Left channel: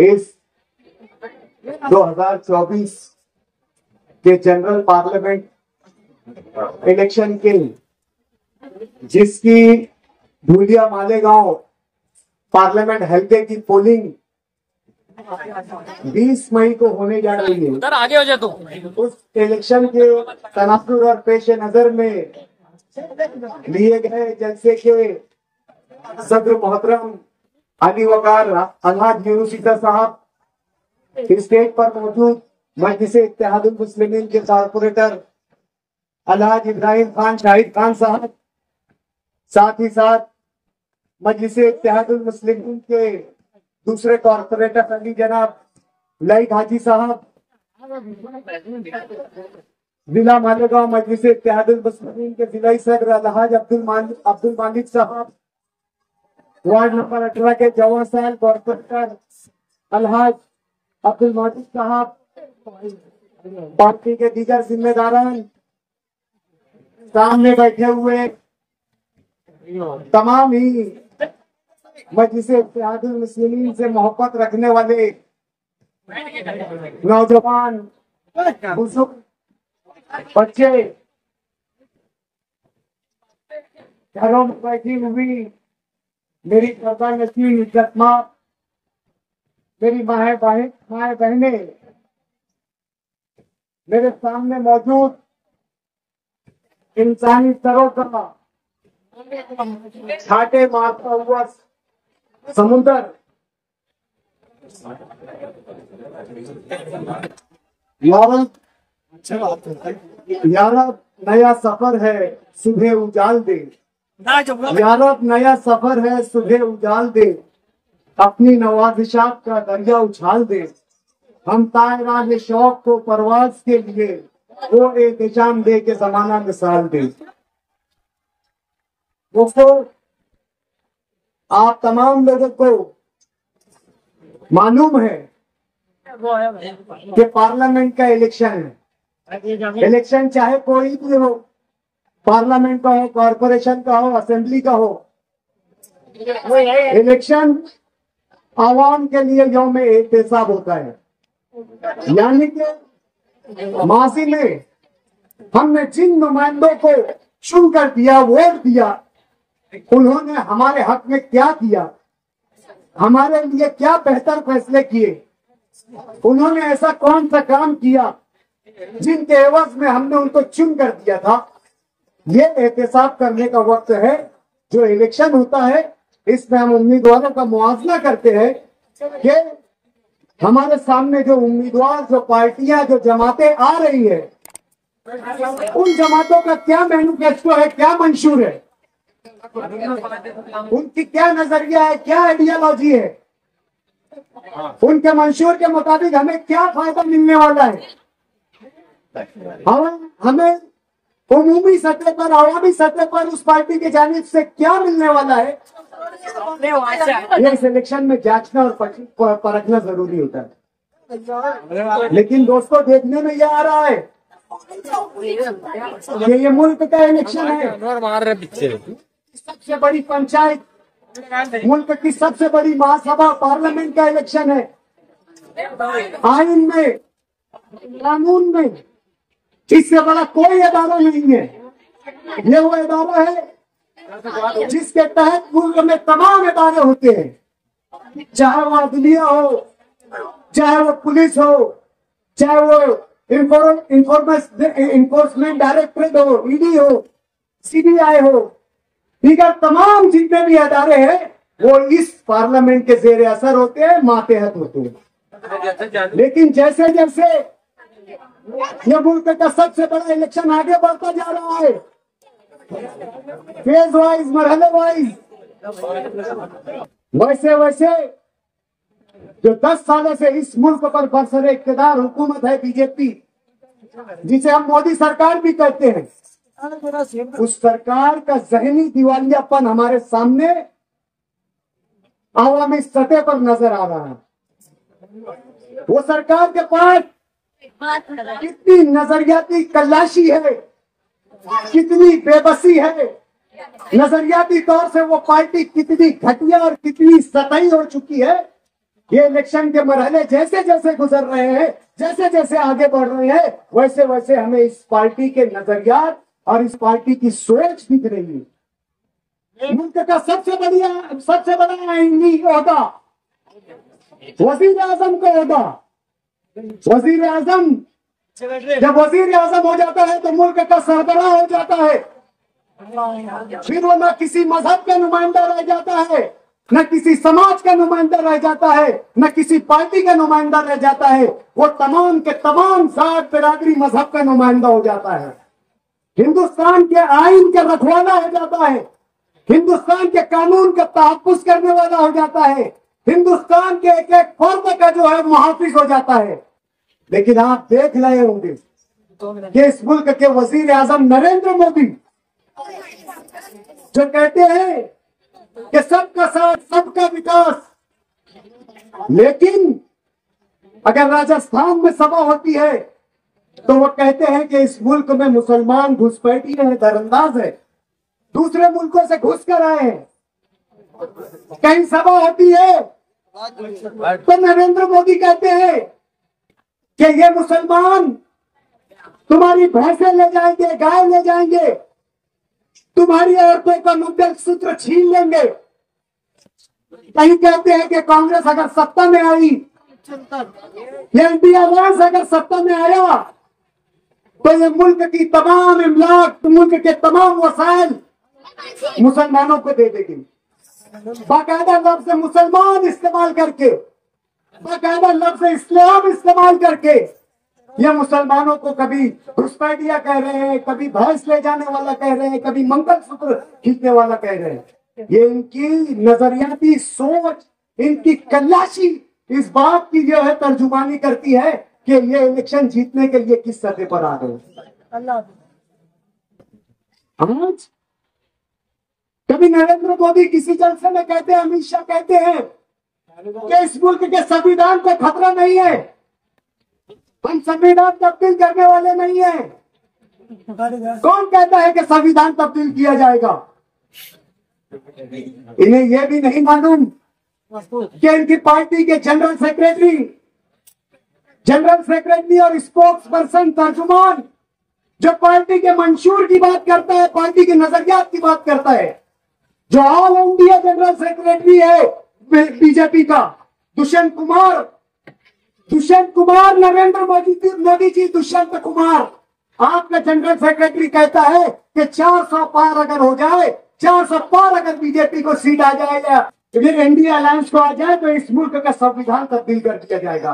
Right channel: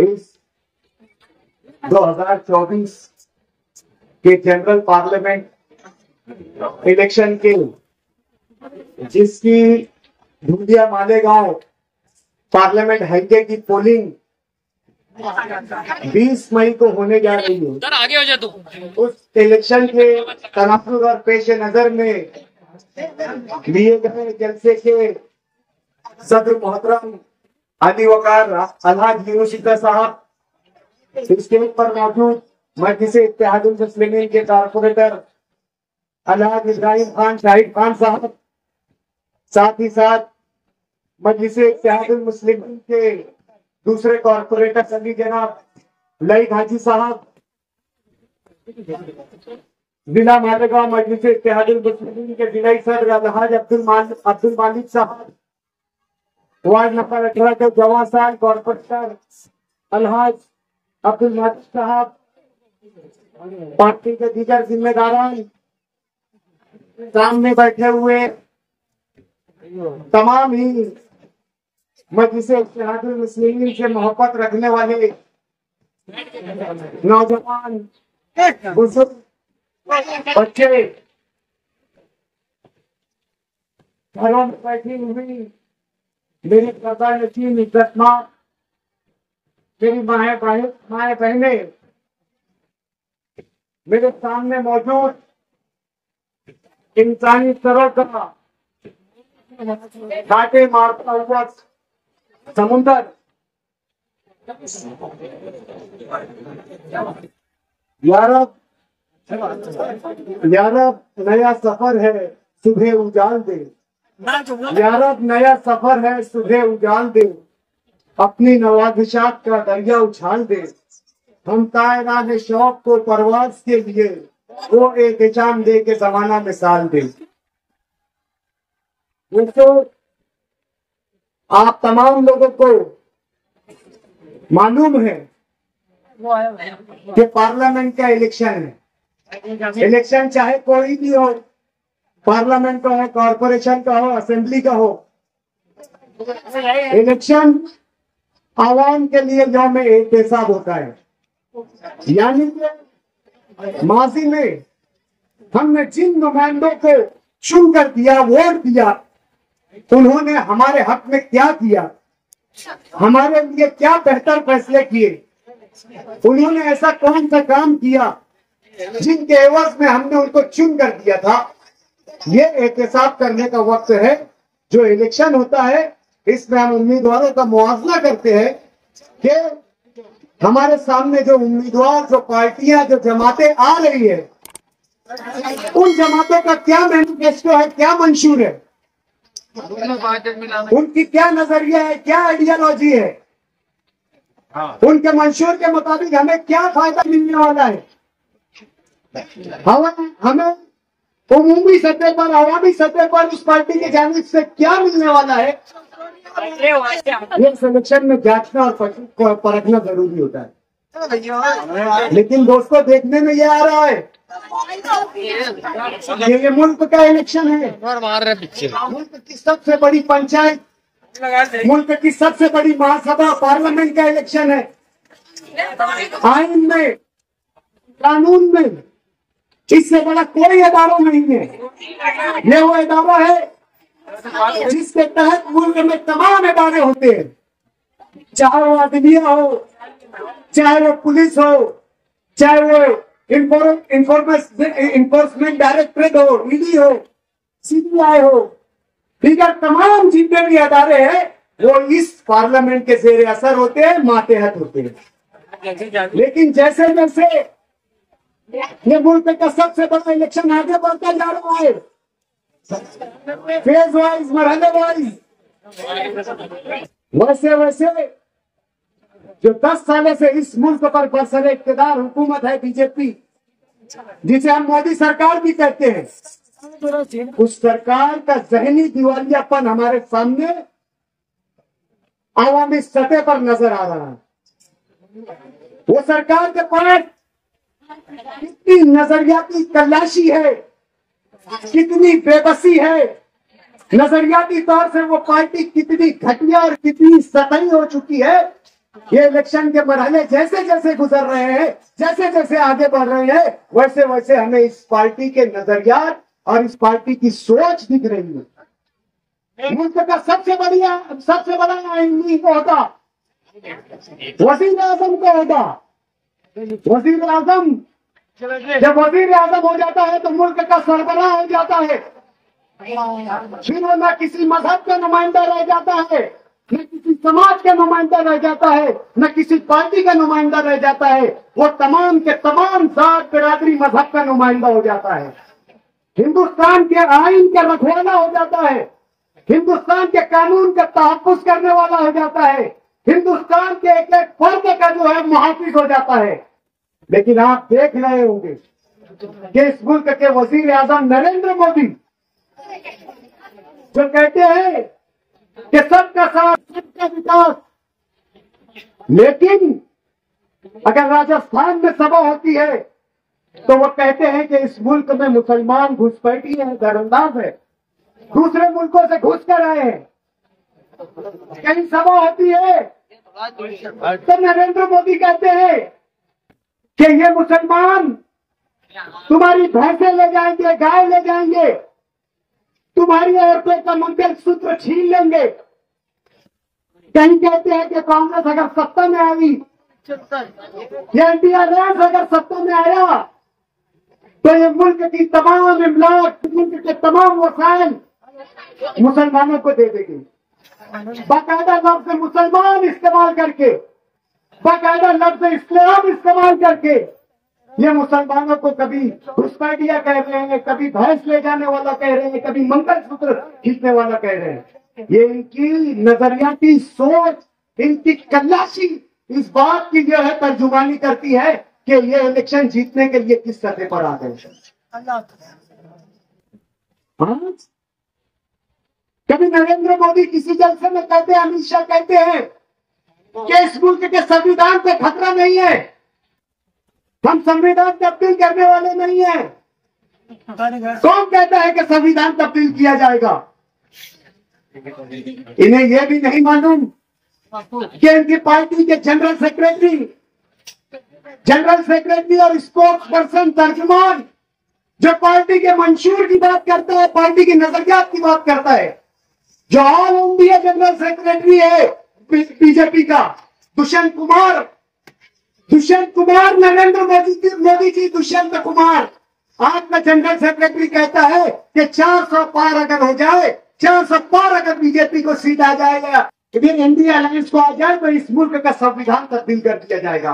इस 2024 के general parliament election के जिसकी धूलिया मालेगांव पार्लियामेंट हल्के की पोलिंग 20 मई को होने जा रही है। आगे हो जा तू। उस इलेक्शन के तनासुर और पेश नजर में लिए गए जलसे के सदर मोहतरम अली वकार अलहाज यूनुसिका साहब, स्टेज पर मौजूद मजलिस इत्तेहादुल मुस्लिमीन के कारपोरेटर अलहाज इब्राहिम खान शाहिद खान साहब, साथ ही साथ मजलिस इत्तेहादुल मुस्लिमीन के दूसरे कारपोरेटर अली जनाब लईक हाजी साहब, जिला मालेगांव मजलिस इत्तेहादुल मुस्लिमीन के जिला सदर अलहाज अब्दुल मालिक साहब, वार्ड नंबर 18 के जवान साल कॉर्पोरेटर अलहाज अब्दुल माजिद साहब, पार्टी के दीगर जिम्मेदारान, सामने बैठे हुए तमाम ही मजलिस इत्तेहादुल मुस्लिमीन से मोहब्बत रखने वाले नौजवान, बुजुर्ग, बच्चे, घरों में बैठी हुई मेरी पर्दा नशीन इज्जतमां मेरी माए बहने, मेरे सामने मौजूद इंसानी सरों का छाटे मारता हुआ समुंदर, यारब नया सफर है सुबह उजाल दे, यारब नया सफर है सुबह उजाल दे, अपनी नवाजिशात का दरिया उछाल दे, हम तायरान शौक को परवाज के लिए वो एहतशाम दे के जमाना मिसाल दे। दोस्तों, आप तमाम लोगों को मालूम है कि पार्लियामेंट का इलेक्शन है। इलेक्शन चाहे कोई भी हो, पार्लियामेंट का हो, कॉरपोरेशन का हो, असेंबली का हो, इलेक्शन आवाम के लिए यौम एहतसाब होता है। यानी कि माजी में हमने जिन नुमाइंदों को चुनकर दिया, वोट दिया, उन्होंने हमारे हक में क्या किया, हमारे लिए क्या बेहतर फैसले किए, उन्होंने ऐसा कौन सा काम किया जिनके एवज में हमने उनको चुन कर दिया था। ये एहतसाब करने का वक्त है। जो इलेक्शन होता है, इसमें हम उम्मीदवारों का मुआवजा करते हैं कि हमारे सामने जो उम्मीदवार, जो पार्टियां, जो जमातें आ रही है, उन जमातों का क्या मैनिफेस्टो है, क्या मंशूर है, उनकी क्या नजरिया है, क्या आइडियोलॉजी है, उनके मंशूर के मुताबिक हमें क्या फायदा मिलने वाला है, हमें उमूमी सतह पर, अवामी सतह पर उस पार्टी की जानिब से क्या मिलने वाला है, ये इलेक्शन में जांचना और परखना जरूरी होता है। लेकिन दोस्तों, देखने में यह आ रहा है कि ये मुल्क का इलेक्शन है, मुल्क की सबसे बड़ी पंचायत, मुल्क की सबसे बड़ी महासभा, पार्लियामेंट का इलेक्शन है। आइन में, कानून में इससे बड़ा कोई अदारा नहीं है। ये वो अदारा है जिसके तहत मुल्क में तमाम इदारे होते हैं, चाहे वो अदलिया हो, चाहे वो पुलिस हो, चाहे वो इन्फोर्समेंट डायरेक्टरेट हो, ईडी हो, सीबीआई हो, दीगर तमाम जितने भी अदारे हैं वो इस पार्लियामेंट के जेर असर होते हैं, मातहत होते हैं। लेकिन जैसे जैसे ये मुल्क का सबसे बड़ा इलेक्शन आगे बढ़ता जा रहा है, फेज वाइज, मरहले वाइज, वैसे वैसे जो 10 सालों से इस मुल्क पर बरसर इक़्तिदार हुकूमत है बीजेपी, जिसे हम मोदी सरकार भी कहते हैं, उस सरकार का जहनी दिवालियापन हमारे सामने आवामी सतह पर नजर आ रहा है। वो सरकार के पास कितनी नजरियाती कल्लाशी है, कितनी बेबसी है, नजरियाती तौर से वो पार्टी कितनी घटिया और कितनी सतही हो चुकी है। ये इलेक्शन के मरहले जैसे जैसे गुजर रहे हैं, जैसे जैसे आगे बढ़ रहे हैं, वैसे वैसे हमें इस पार्टी के नजरियात और इस पार्टी की सोच दिख रही है। मुल्क का सबसे बड़ा आईनी ओहदा वजीर आजम का ओहदा। वजीर आजम जब वजीर आजम हो जाता है तो मुल्क का सरबराह हो जाता है। फिर वो न किसी मजहब का नुमाइंदा रह जाता है, न किसी समाज का नुमाइंदा रह जाता है, न किसी पार्टी का नुमाइंदा रह जाता है। वो तमाम के तमाम जात बिरादरी मजहब का नुमाइंदा हो जाता है। हिंदुस्तान के आइन का रखवाला हो जाता है। हिंदुस्तान के कानून का तहफ्फुज करने वाला हो जाता है। हिंदुस्तान के एक एक फर्द का जो है मुहाफिज हो जाता है। लेकिन आप देख रहे होंगे कि इस मुल्क के वजीर आजम नरेंद्र मोदी जो कहते हैं कि सबका साथ सबका विकास, लेकिन अगर राजस्थान में सभा होती है तो वो कहते हैं कि इस मुल्क में मुसलमान घुसपैठी है, दरअंदाज है, दूसरे मुल्कों से घुस कर आए हैं। कहीं सभा होती है तो नरेंद्र मोदी कहते हैं कि ये मुसलमान तुम्हारी भैंसें ले जाएंगे, गाय ले जाएंगे, तुम्हारी औरतों का मंगलसूत्र छीन लेंगे। कहीं कहते हैं कि कांग्रेस अगर सत्ता में आई या इंडिया अलायंस अगर सत्ता में आया तो ये मुल्क की तमाम इमलाक, मुल्क के तमाम वसाइल मुसलमानों को दे देगी। बाकायदा लफ्ज मुसलमान इस्तेमाल करके, बाकायदा लफ्ज इस्लाम इस्तेमाल करके ये मुसलमानों को कभी घुसपैठिया कह रहे हैं, कभी भैंस ले जाने वाला कह रहे हैं, कभी मंगलसूत्र खींचने वाला कह रहे हैं। ये इनकी नजरियाती सोच, इनकी कल्लाशी इस बात की जो है तर्जुमानी करती है कि ये इलेक्शन जीतने के लिए किस सतह पर आ गए। आज कभी नरेंद्र मोदी किसी जलसे में कहते हैं, अमित शाह कहते हैं कि इस मुल्क के संविधान को खतरा नहीं है, हम संविधान तब्दील करने वाले नहीं हैं। कौन कहता है कि संविधान तब्दील किया जाएगा? इन्हें यह भी नहीं मालूम कि इनकी पार्टी के जनरल सेक्रेटरी और स्पोक्स पर्सन, तर्जुमान, जो पार्टी के मंशूर की बात करता है, पार्टी की नजरियात की बात करता है, जो ऑल इंडिया जनरल सेक्रेटरी है बीजेपी का, दुष्यंत कुमार, नरेंद्र मोदी जी दुष्यंत कुमार, आपका जनरल सेक्रेटरी कहता है कि 400 पार अगर हो जाए, 400 पार अगर बीजेपी को सीट आ जाएगा, फिर इंडिया अलायंस को आ जाए तो इस मुल्क का संविधान तब्दील कर दिया जाएगा।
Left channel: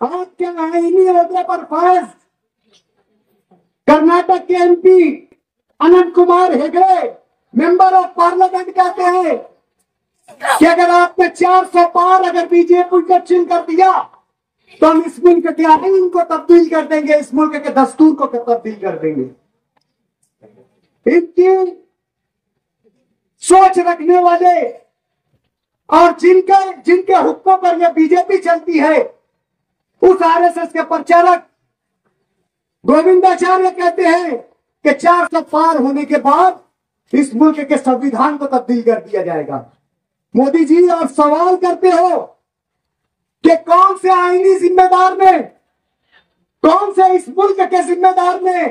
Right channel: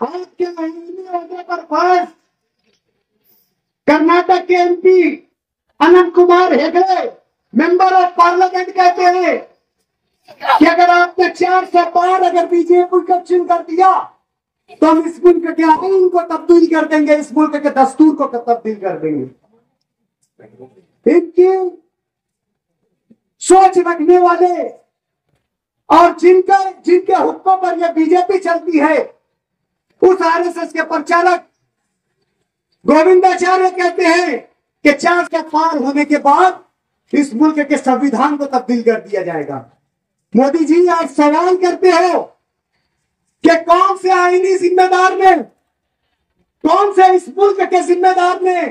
आपके आईनी ओहदे पर फर्ज कर्नाटक के MP Anant Kumar Hegde, member of parliament, कहते हैं कि अगर आपने 400 पार अगर बीजेपी को चिन्ह कर दिया तो हम इस मुल्क के आईन को तब्दील कर देंगे, इस मुल्क के दस्तूर को तब्दील कर देंगे। इनकी सोच रखने वाले और जिनके हुक्मों पर यह बीजेपी चलती है, उस आरएसएस के प्रचारक गोविंदाचार्य कहते हैं कि 400 पार होने के बाद इस मुल्क के संविधान को तब्दील कर दिया जाएगा। मोदी जी, आप सवाल करते हो कि कौन से आईनी जिम्मेदार ने, कौन से इस मुल्क के जिम्मेदार ने,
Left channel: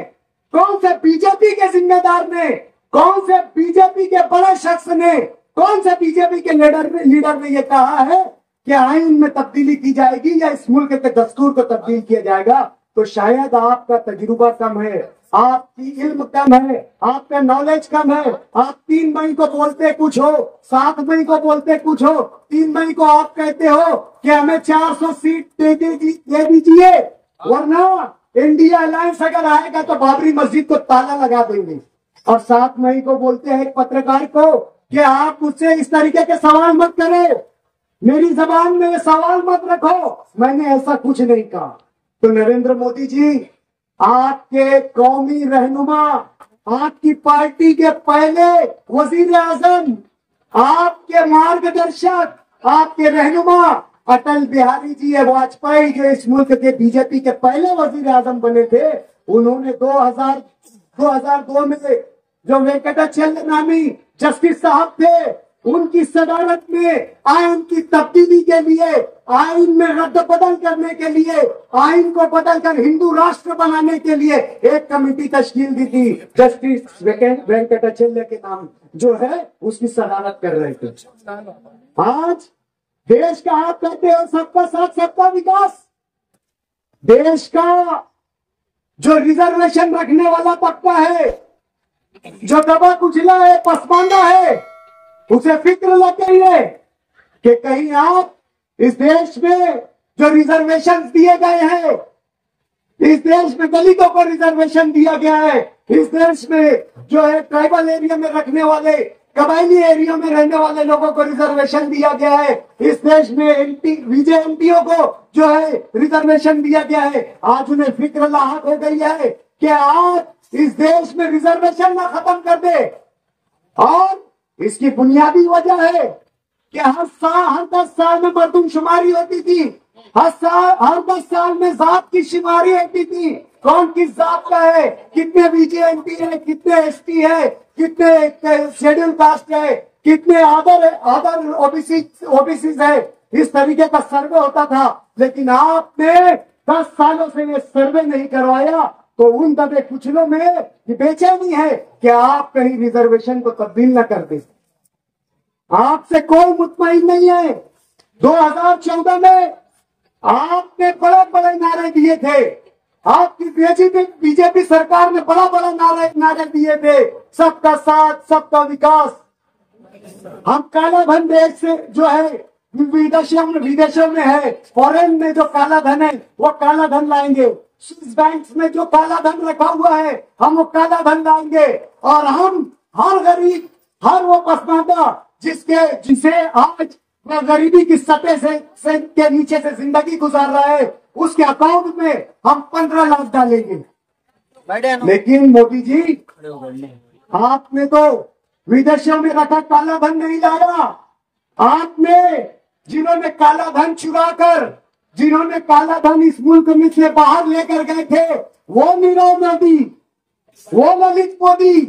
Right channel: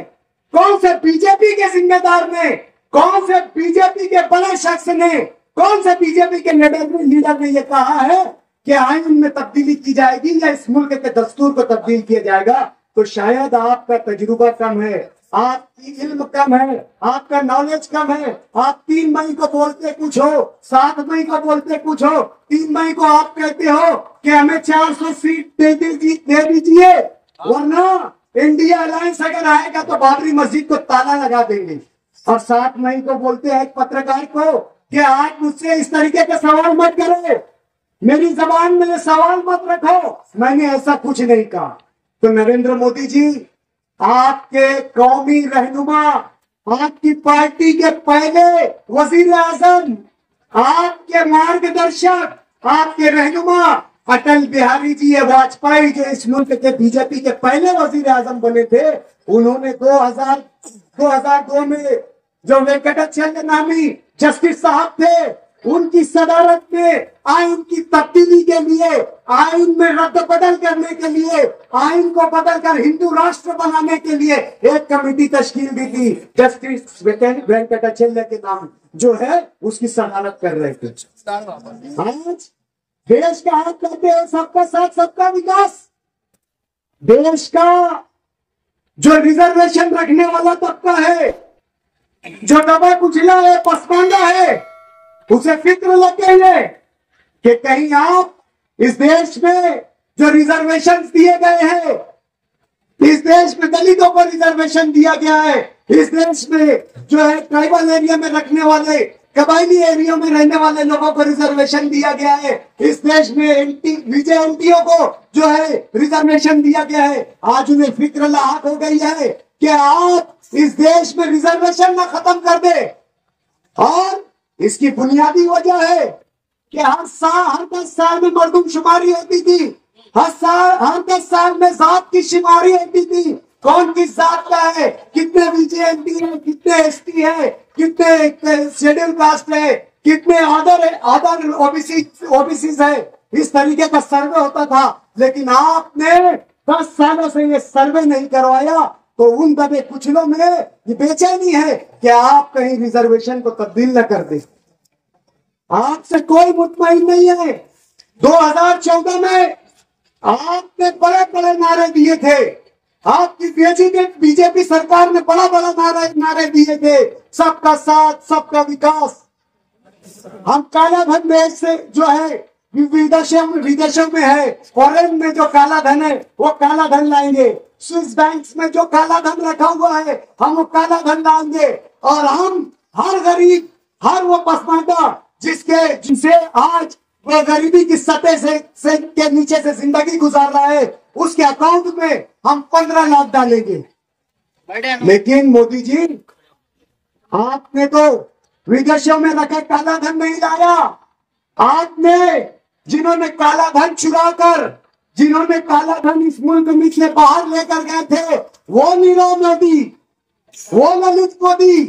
कौन से बीजेपी के जिम्मेदार ने, कौन से बीजेपी के बड़े शख्स ने, कौन से बीजेपी के लीडर ने यह कहा है कि आईन में तब्दीली की जाएगी या इस मुल्क के दस्तूर को तब्दील किया जाएगा? तो शायद आपका तजुर्बा कम है, आपकी इल्म कम है, आपका नॉलेज कम है। आप 3 मई को बोलते कुछ हो, 7 मई को बोलते कुछ हो, 3 मई को आप कहते हो कि हमें 400 सीट दे दीजिए, वरना इंडिया अलायंस अगर आएगा तो बाबरी मस्जिद को ताला लगा देंगे। और 7 मई को बोलते हैं एक पत्रकार को कि आप मुझसे इस तरीके के सवाल मत करें, मेरी जबान में सवाल मत रखो, मैंने ऐसा कुछ नहीं कहा। तो नरेंद्र मोदी जी, आपके कौमी रहनुमा, आपकी पार्टी के पहले वजीर आजम, आपके मार्गदर्शक, आपके रहनुमा अटल बिहारी जी वाजपेयी, जो इस मुल्क के बीजेपी के पहले वजीर आजम बने थे, उन्होंने 2002 में जो वेंकटाचल नामी जस्टिस साहब थे, उनकी सदारत में आइन की तब्दीली के लिए, आइन में रद्द बदल करने के लिए, आइन को बदलकर हिंदू राष्ट्र बनाने के लिए एक कमेटी तश्कील दी थी। जस्टिस वेंकटाचल के नाम जो है उसकी सदारत कर रहे थे। आज देश का हाथ कहते हैं सबका साथ सबका विकास। देश का जो रिजर्वेशन रखने वाला तबका है, जो दबा कुचला है, पसमानदा है, उसे फिक्र लग गई है कि कहीं आप इस देश में जो रिजर्वेशन दिए गए हैं, इस देश में दलितों को रिजर्वेशन दिया गया है, इस देश में जो है ट्राइबल एरिया में रखने वाले, कबायली एरिया में रहने वाले लोगों को रिजर्वेशन दिया गया है, इस देश में एनटीओ को जो है रिजर्वेशन दिया गया है। आज उन्हें फिक्र लाहक हो गई है कि आप इस देश में रिजर्वेशन ना खत्म कर दे। और इसकी बुनियादी वजह है कि हर 10 साल में मर्दमशुमारी होती थी, हर 10 साल में जात की शुमारी होती थी। कौन किस जात का है, कितने बीजेएमपी है, कितने एसटी है, कितने शेड्यूल कास्ट है, कितने अदर ओबीसी है, इस तरीके का सर्वे होता था। लेकिन आपने 10 सालों से ये सर्वे नहीं करवाया, तो उन दबे कुचलों में ये बेचैनी है कि आप कहीं रिजर्वेशन को तब्दील न कर दे। आपसे कोई मुतमईन नहीं है। 2014 में आपने बड़े बड़े नारे दिए थे, आपकी बीजेपी सरकार ने बड़ा बड़ा नारे दिए थे, सबका साथ सबका विकास। हम काला धन देश से जो है विदेशों में है, फॉरेन में जो काला धन है वो काला धन लाएंगे। स्विस बैंक्स में जो काला धन रखा हुआ है हम वो काला धन लाएंगे। और हम हर गरीब, हर वो पसमानदा जिसे आज वो गरीबी की सतह से के नीचे से जिंदगी गुजार रहा है, उसके अकाउंट में हम 15 लाख डालेंगे। लेकिन मोदी जी, आपने तो विदेशों में रखा काला धन नहीं लाया। आपने जिन्होंने काला धन चुरा कर, जिन्होंने काला धन इस मुल्क में से बाहर लेकर गए थे, वो नीरव मोदी, वो ललित मोदी,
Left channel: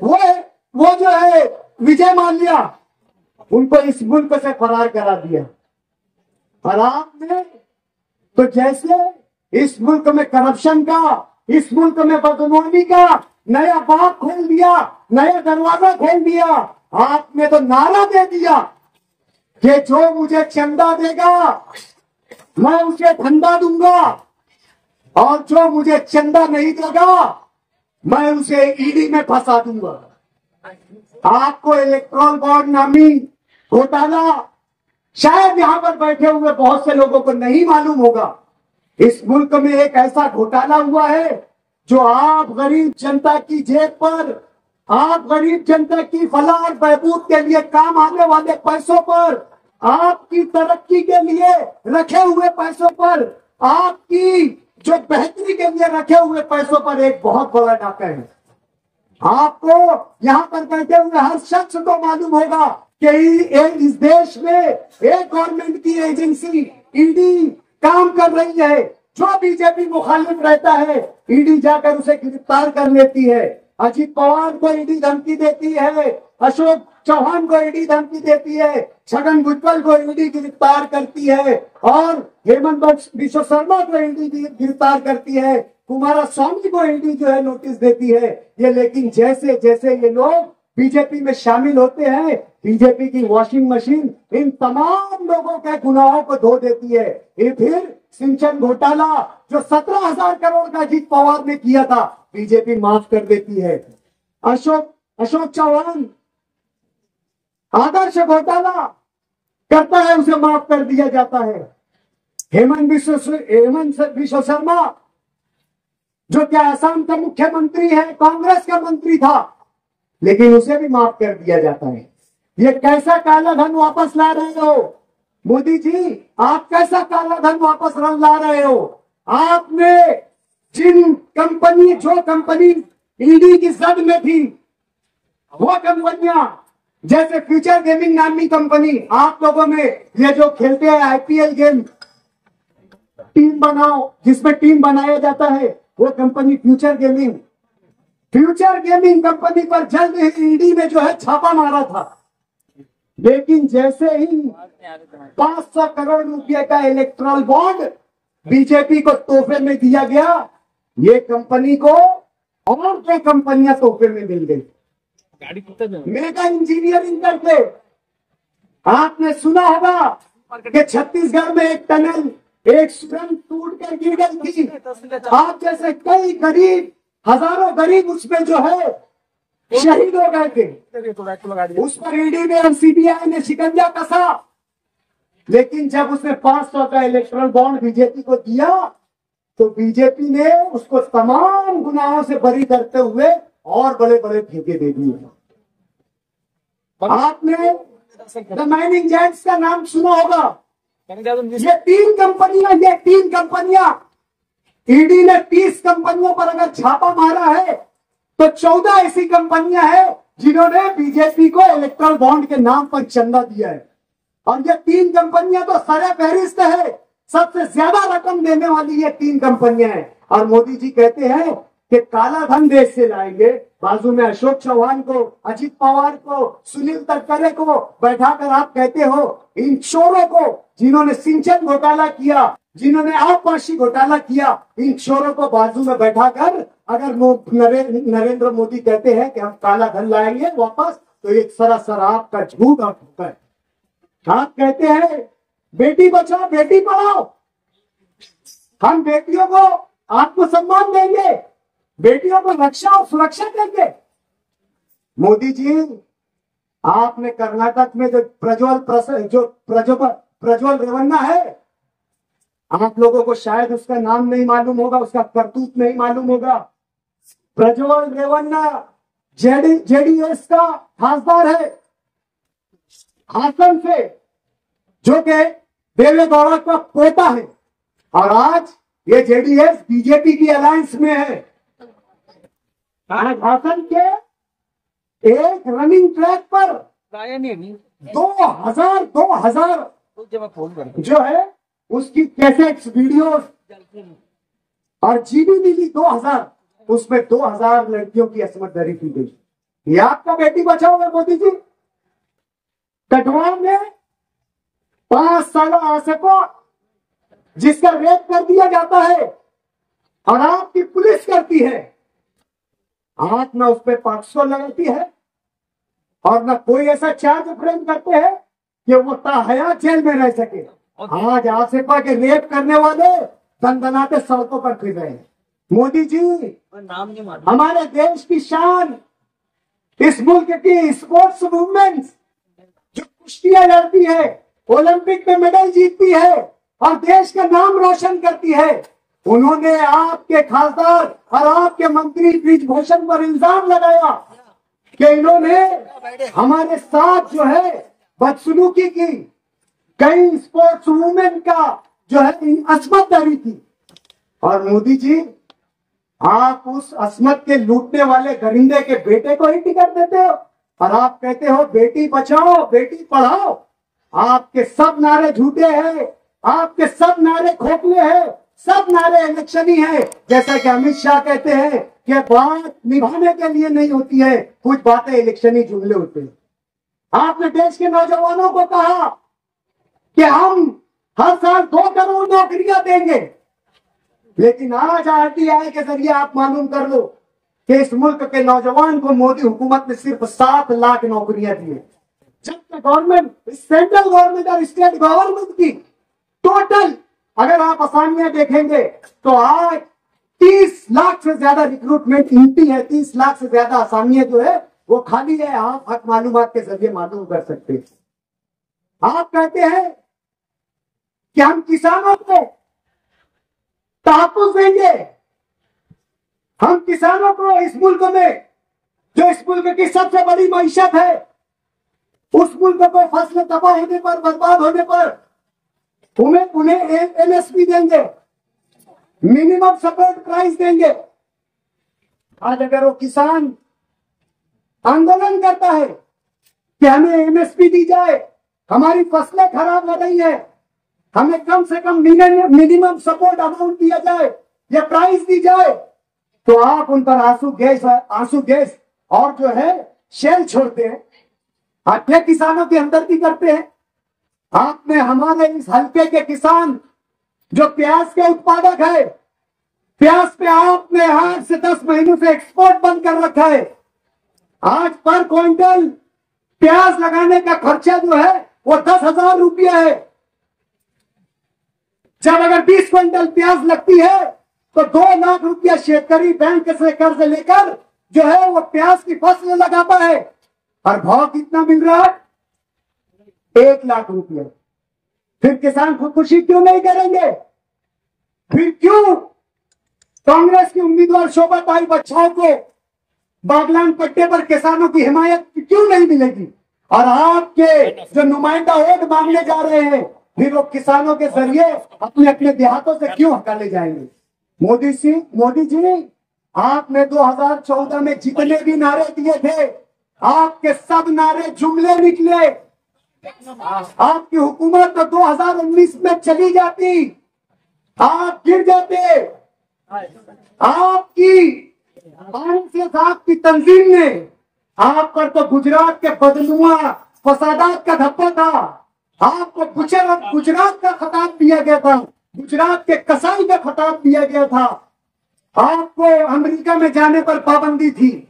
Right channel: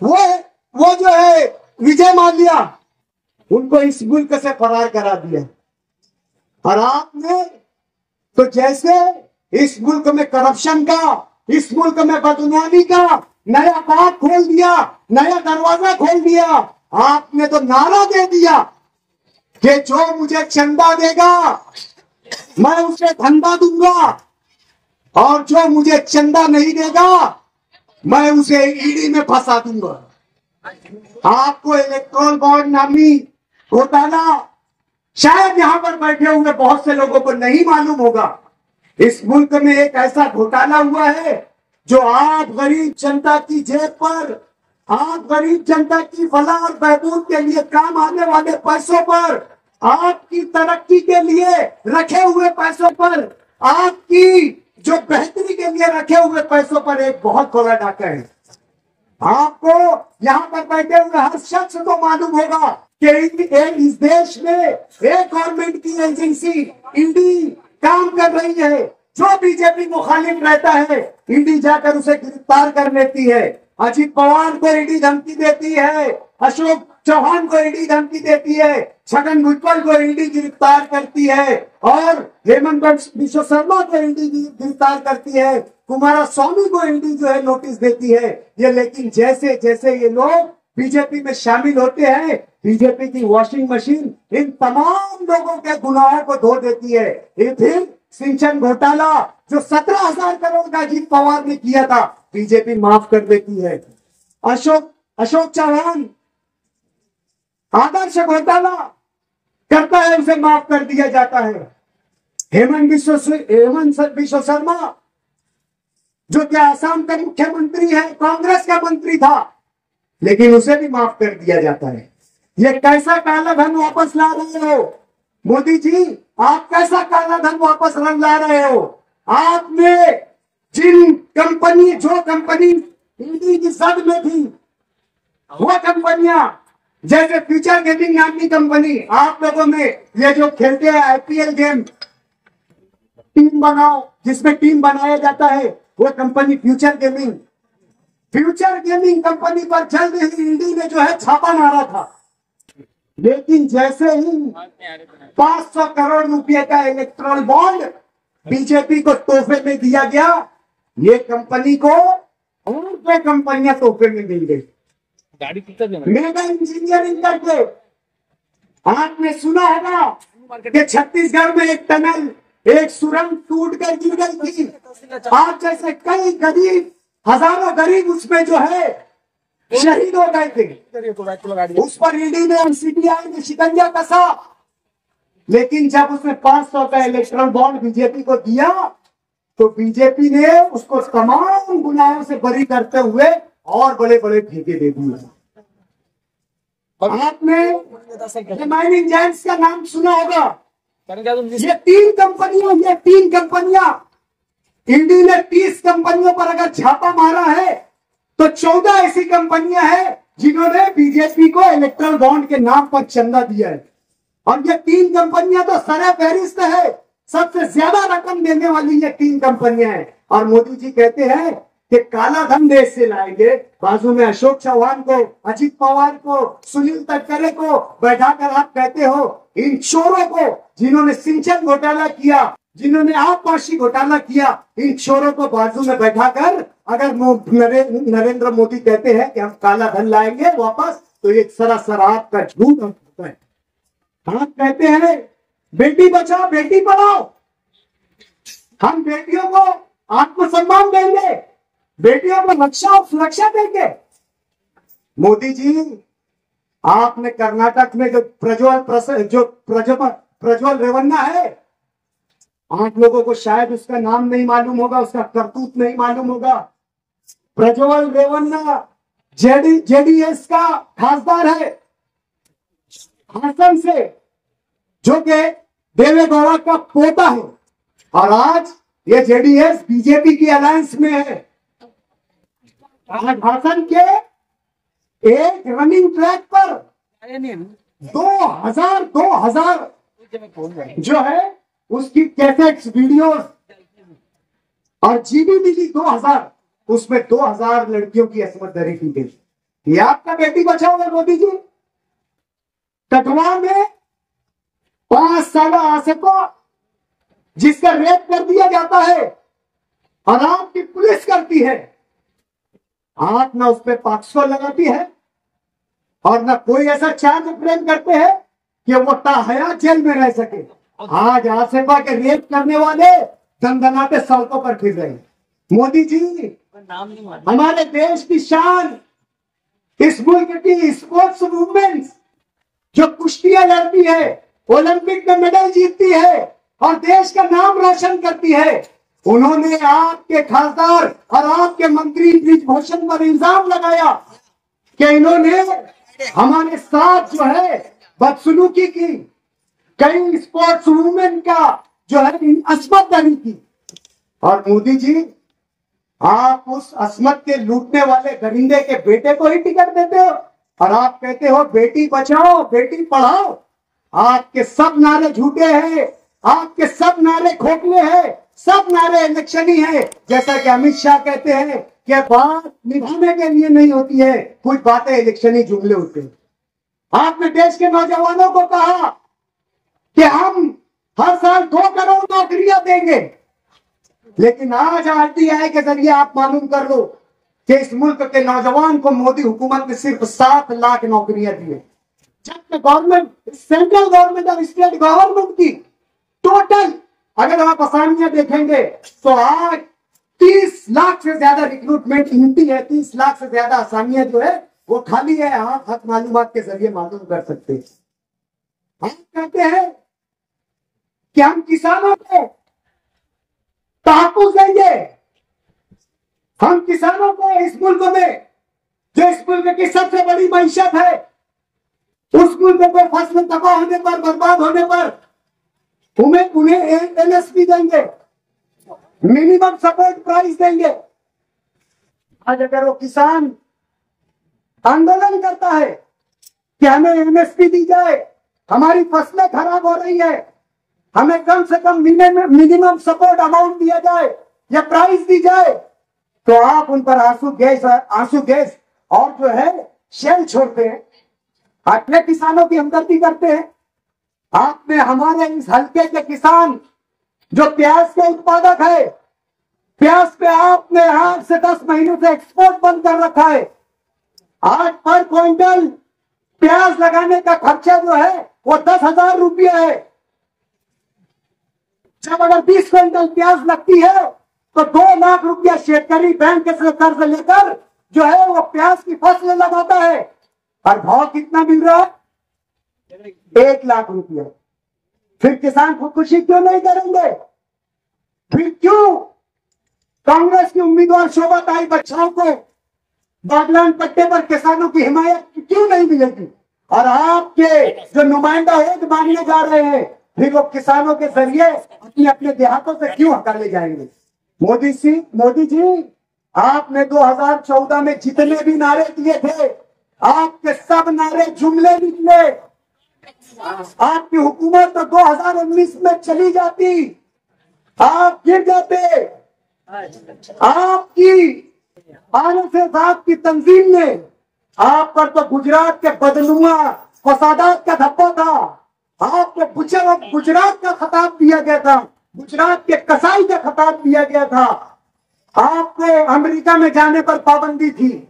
वो जो है विजय माल्या, उनको इस मुल्क से फरार करा दिया। और आपने तो जैसे इस मुल्क में करप्शन का, इस मुल्क में बदनवानी का नया बाग खोल दिया, नया दरवाजा खोल दिया। आपने तो नारा दे दिया कि जो मुझे चंदा देगा मैं उसे धंधा दूंगा, और जो मुझे चंदा नहीं देगा मैं उसे ईडी में फंसा दूंगा। आपको इलेक्ट्रॉन बॉन्ड नामी घोटाला शायद यहां पर बैठे हुए बहुत से लोगों को नहीं मालूम होगा। इस मुल्क में एक ऐसा घोटाला हुआ है जो आप गरीब जनता की जेब पर, आप गरीब जनता की फलाह और बहबूद के लिए काम आने वाले पैसों पर, आपकी तरक्की के लिए रखे हुए पैसों पर, आपकी जो बेहतरी के लिए रखे हुए पैसों पर एक बहुत बड़ा डाका है। आपको यहां पर बैठे हुए हर शख्स को मालूम होगा कि इस देश में एक गवर्नमेंट की एजेंसी ईडी काम कर रही है। जो बीजेपी मुखालिफ रहता है ईडी जाकर उसे गिरफ्तार कर लेती है। अजीत पवार को ईडी धमकी देती है, अशोक चौहान को ईडी धमकी देती है, छगन भुजबल को ईडी गिरफ्तार करती है, और हेमंत बिश्व शर्मा को ईडी गिरफ्तार करती है, कुमारस्वामी को ईडी जो है नोटिस देती है। ये लेकिन जैसे जैसे ये लोग बीजेपी में शामिल होते हैं, बीजेपी की वॉशिंग मशीन इन तमाम लोगों के गुनाहों को धो देती है। ये फिर सिंचन घोटाला जो 17,000 करोड़ का अजीत पवार ने किया था, बीजेपी माफ कर देती है। अशोक चौहान आदर्श घोटाला करता है, उसे माफ कर दिया जाता है। हेमंत बिश्व शर्मा जो क्या असम का मुख्यमंत्री है, कांग्रेस का मंत्री था, लेकिन उसे भी माफ कर दिया जाता है। ये कैसा काला धन वापस ला रहे हो मोदी जी? आप कैसा काला धन वापस ला रहे हो? आपने जो कंपनी ईडी की जद में थी, वो कंपनियां जैसे फ्यूचर गेमिंग नामी कंपनी, आप लोगों में ये जो खेलते हैं आईपीएल गेम, टीम बनाओ, जिसमें टीम बनाया जाता है, वो company future gaming, future gaming company पर जल्द ही ईडी ने जो है छापा मारा था, लेकिन जैसे ही 500 करोड़ रुपए का इलेक्ट्रल बॉन्ड बीजेपी को तोहफे में दिया गया, ये कंपनी को और 2 कंपनियां तोहफे में मिल गई मेगा इंजीनियरिंग करके। आपने सुना होगा कि छत्तीसगढ़ में एक टनल, एक सुरंग टूट कर गिर गई थी। आप जैसे कई गरीब, हजारों गरीब उसमें जो है शहीद हो गए थे। उस पर ईडी ने और सीबीआई ने शिकंजा कसा, लेकिन जब उसने 500 का इलेक्ट्रल बॉन्ड बीजेपी को दिया तो बीजेपी ने उसको तमाम गुनाहों से बरी करते हुए और बड़े बड़े ठेके दे दिए। आपने माइनिंग जायंट्स का नाम सुना होगा। ये 3 कंपनियां ईडी ने 30 कंपनियों पर अगर छापा मारा है तो 14 ऐसी कंपनियां हैं जिन्होंने बीजेपी को इलेक्ट्रल बॉन्ड के नाम पर चंदा दिया है। और ये 3 कंपनियां तो सरे फहरिस्त है, सबसे ज्यादा रकम देने वाली ये 3 कंपनियां हैं। और मोदी जी कहते हैं कि काला धन देश से लाएंगे। बाजू में अशोक चौहान को, अजित पवार को, सुनील तटकरे को बैठाकर आप कहते हो इन चोरों को, जिन्होंने सिंचन घोटाला किया, जिन्होंने आबपाशी घोटाला किया, इन चोरों को बाजू में बैठाकर अगर नरेंद्र मोदी कहते हैं कि हम काला धन लाएंगे वापस, तो एक सरासर आपका झूठ और धोखा है। आप कहते हैं बेटी बचाओ बेटी पढ़ाओ, हम बेटियों को आत्मसम्मान देंगे, बेटियों को रक्षा और सुरक्षा देंगे। मोदी जी, आपने कर्नाटक में जो प्रज्वल रेवन्ना है, आप लोगों को शायद उसका नाम नहीं मालूम होगा, उसका करतूत नहीं मालूम होगा। प्रज्वल रेवन्ना जेडीएस का खासदार है हासन से, जो कि देवेगौड़ा का पोता है, और आज ये जेडीएस बीजेपी की अलायंस में है। आज हासन के एक रनिंग ट्रैक पर 2000 जो है उसकी कैसेट्स, वीडियोस और जीबी मिली 2000, उसमें 2000 लड़कियों की असमत दरी की गई। ये आपका बेटी बचाओगे मोदी जी? कठुआ में 5 साल आसिफा जिसका रेप कर दिया जाता है और आपकी पुलिस करती है, आप ना उस पर 500 लगाती है और ना कोई ऐसा चार्ज फ्रेम करते हैं कि वो ताहयात जेल में रह सके। आज आसिफा के रेप करने वाले दंदनाते सड़कों पर फिर रहे हैं। मोदी जी, हमारे देश की शान, इस मुल्क की स्पोर्ट्स मूवमेंट्स जो कुश्तियां लड़ती है, ओलंपिक में मेडल जीतती है और देश का नाम रोशन करती है, उन्होंने आपके खासदार और आपके मंत्री ब्रिजभूषण पर इल्जाम लगाया कि इन्होंने हमारे साथ जो है बदसलूकी की, कई स्पोर्ट्स वुमेन का जो है असमत दरी की। और मोदी जी, आप उस असमत के लूटने वाले दरिंदे के बेटे को ही टिकट देते हो और आप कहते हो बेटी बचाओ बेटी पढ़ाओ। आपके सब नारे झूठे हैं, आपके सब नारे खोखले हैं, सब नारे इलेक्शनी है। जैसा कि अमित शाह कहते हैं कि बात निभाने के लिए नहीं होती है, कुछ बातें इलेक्शनी जुमले होते हैं। आपने देश के नौजवानों को कहा कि हम हर साल 2 करोड़ नौकरियां देंगे, लेकिन आज आरटीआई के जरिए आप मालूम कर लो कि इस मुल्क के नौजवान को मोदी हुकूमत ने सिर्फ 7 लाख नौकरियां दी है, जबकि गवर्नमेंट, सेंट्रल गवर्नमेंट और स्टेट गवर्नमेंट की टोटल अगर आप असामियां देखेंगे तो आज 30 लाख से ज्यादा रिक्रूटमेंट इनती है। 30 लाख से ज्यादा असामियां जो है वो खाली है। आप हक मालूमात के जरिए मालूम कर सकते हैं। आप कहते हैं कि हम किसानों को तहफ़्फ़ुज़ देंगे, हम किसानों को इस मुल्क में, जो इस मुल्क की सबसे बड़ी मईशत है, उस मुल्क को फसल तबाह होने पर, बर्बाद होने पर उन्हें एमएसपी देंगे, मिनिमम सपोर्ट प्राइस देंगे। आज अगर वो किसान आंदोलन करता है कि हमें एमएसपी दी जाए, हमारी फसलें खराब हो रही है, हमें कम से कम मिनिमम सपोर्ट अमाउंट दिया जाए या प्राइस दी जाए, तो आप उन पर आंसू गैस और जो है शेल छोड़ते हैं, अपने किसानों की हमदर्दी करते हैं। आपने हमारे इस हल्के के किसान जो प्याज के उत्पादक है, प्याज पे आपने 8 से 10 महीनों से एक्सपोर्ट बंद कर रखा है। आज पर क्विंटल प्याज लगाने का खर्चा जो है वो 10,000 रुपया है। जब अगर 20 क्विंटल प्याज लगती है तो 2 लाख रुपया शेतकरी बैंक से कर्ज लेकर जो है वो प्याज की फसल लगाता है, और भाव कितना मिल रहा है? 1 लाख रुपया। फिर किसान खुदकुशी क्यों नहीं करेंगे? फिर क्यों कांग्रेस की उम्मीदवार शोभा ताई बच्चाओं को बागलान पट्टे पर किसानों की हिमायत क्यों नहीं मिलेगी? और आपके जो नुमाइंदा वोट मांगने जा रहे हैं, फिर वो किसानों के जरिए अपने अपने देहातों से क्यों हटा ले जाएंगे? मोदी जी, आपने 2014 में जितने भी नारे दिए थे, आपके सब नारे जुमले निकले। आपकी हुकूमत तो 2019 में चली जाती, आप गिर जाते। आपकी तंजीम ने आप पर तो गुजरात के बदनुमा फसादात का धब्बा था। आपको गुजरात का खिताब दिया गया था, गुजरात के कसाई का खिताब दिया गया था। आपको अमेरिका में जाने पर पाबंदी थी,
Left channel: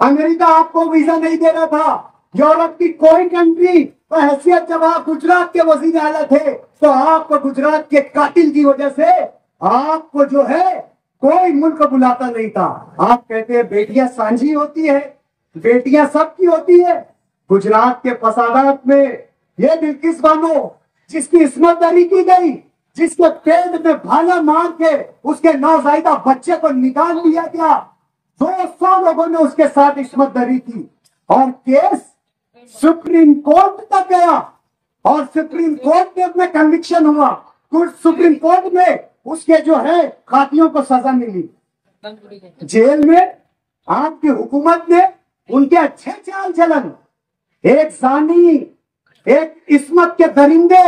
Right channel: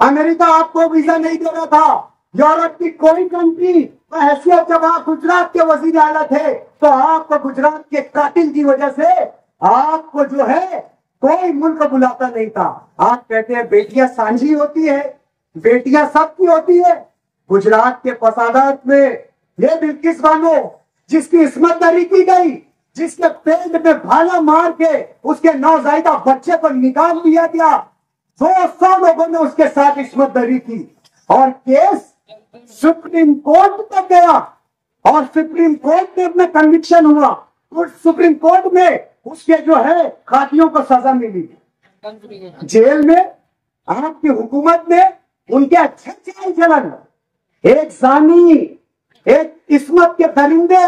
अमेरिका आपको वीजा नहीं दे रहा था। यूरोप की कोई कंट्री का हैसियत, जब आप गुजरात के वजीर आला थे तो आपको गुजरात के कातिल की वजह से आपको जो है कोई मुल्क बुलाता नहीं था। आप कहते हैं बेटियां सांझी होती है, बेटियां सबकी होती है। गुजरात के फसादात में ये बिल्किस बानो जिसकी इस्मत दरी की गई, जिसके पेट में भाला मार के उसके नौज़ायदा बच्चे को निकाल लिया गया, 200 लोगों ने उसके साथ इस्मत दरी की, और केस सुप्रीम कोर्ट तक गया, और सुप्रीम कोर्ट में अपना कन्विक्शन हुआ। सुप्रीम कोर्ट में उसके जो है खातियों को सजा मिली। जेल में आपकी हुकूमत ने उनके अच्छे चाल चलन, एक जानी, एक इस्मत के दरिंदे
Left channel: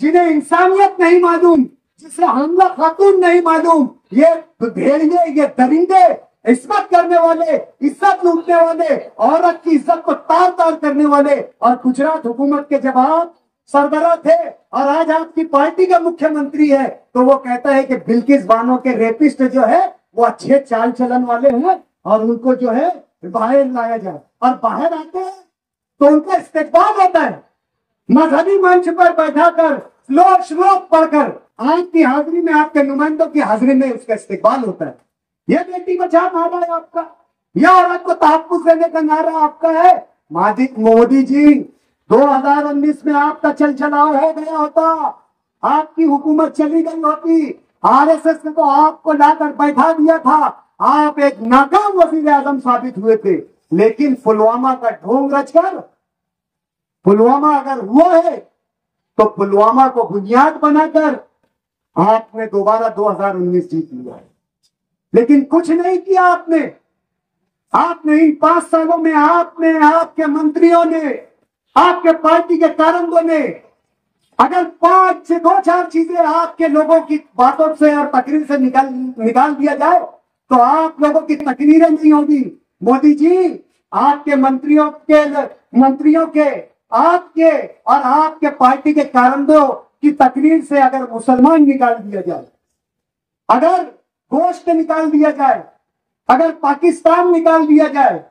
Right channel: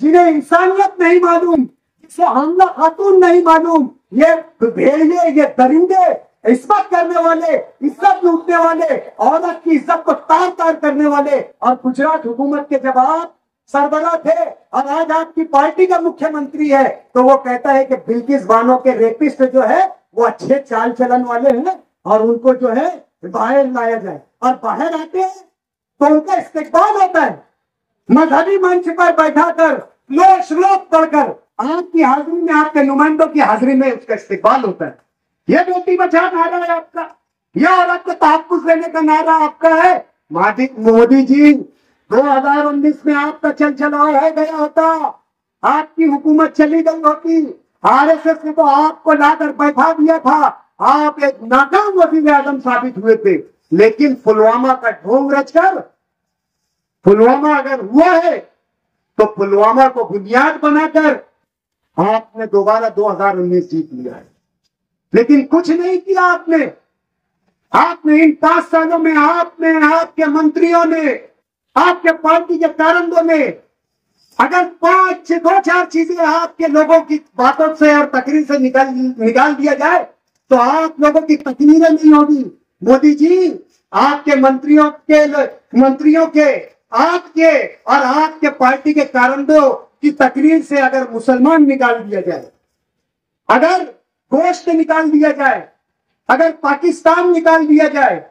जिन्हें इंसानियत नहीं मालूम, जिसे हमला खातून नहीं मालूम, ये भेड़िए, ये दरिंदे, इस्मत करने वाले, इज्जत लूटने वाले, औरत की इज्जत को तार तार करने वाले, और गुजरात हुकूमत के जब आप सरबराह थे और आज आपकी पार्टी का मुख्यमंत्री है, तो वो कहता है कि बिल्किस बानो के रेपिस्ट जो है वो अच्छे चाल चलन वाले हैं और उनको जो है बाहर लाया जाए। और बाहर आते हैं तो उनका इस्तेकबाल होता है, मजहबी मंच पर बैठाकर श्लोक पढ़कर आपकी हाजिरी में, आपके नुमाइंदों की हाजिरी में उसका इस्तेकबाल होता है। यह बेटी बचाओ नारा है आपका, यह औरत को तहफ्फुज़ देने का नारा आपका है। मोदी जी, 2019 में आपका चलचलाव हो गया होता, आपकी हुकूमत चली गई होती, आरएसएस ने तो आपको लाकर बैठा दिया था, आप एक नाकाम वजीर आजम साबित हुए थे। लेकिन पुलवामा का ढोंग रचकर, पुलवामा अगर हुआ है तो पुलवामा को बुनियाद बनाकर आपने दोबारा 2019 जीत लिया है। लेकिन कुछ नहीं किया आपने इन 5 सालों में, आपने, आपके मंत्रियों ने, आपके पार्टी के कारकुनों ने, अगर 2-4 चीजें आपके लोगों की बातों से और तकरीर से निकाल दिया जाए तो आप लोगों की तकरीरें नहीं होगी। मोदी जी, आपके मंत्रियों के आपके और आपके पार्टी के कारकुनों की तकरीर से अगर मुसलमान निकाल दिया जाए, अगर गोश्त निकाल दिया जाए, अगर पाकिस्तान निकाल दिया जाए,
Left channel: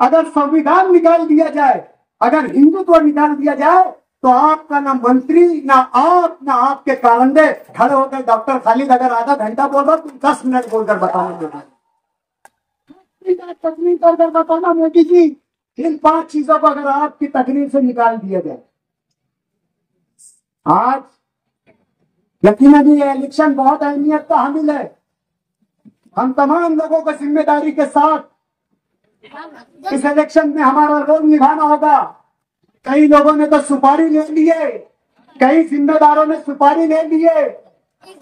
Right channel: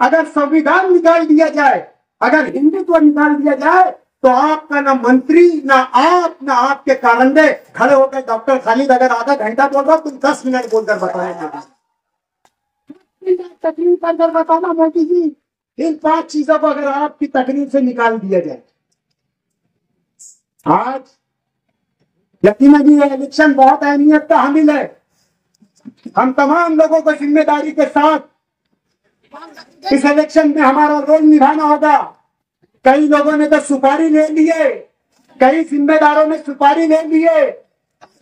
अगर संविधान निकाल दिया जाए, अगर हिंदुत्व निकाल दिया जाए, तो आपका ना मंत्री, ना आप, ना आपके कारंदे खड़े होकर डॉक्टर खालिद अगर आधा घंटा बोल रहा, तुम 10 मिनट बोलकर बताना तकलीफ कर बताना। मोदी जी, इन 5 चीजों को अगर आपकी तकरीर से निकाल दिया जाए, आज यकीनन ये इलेक्शन बहुत अहमियत का हामिल है। हम तमाम लोगों को जिम्मेदारी के साथ इस इलेक्शन में हमारा रोल निभाना होगा। कई लोगों ने तो सुपारी ले लिए, कई जिम्मेदारों ने सुपारी ले लिए,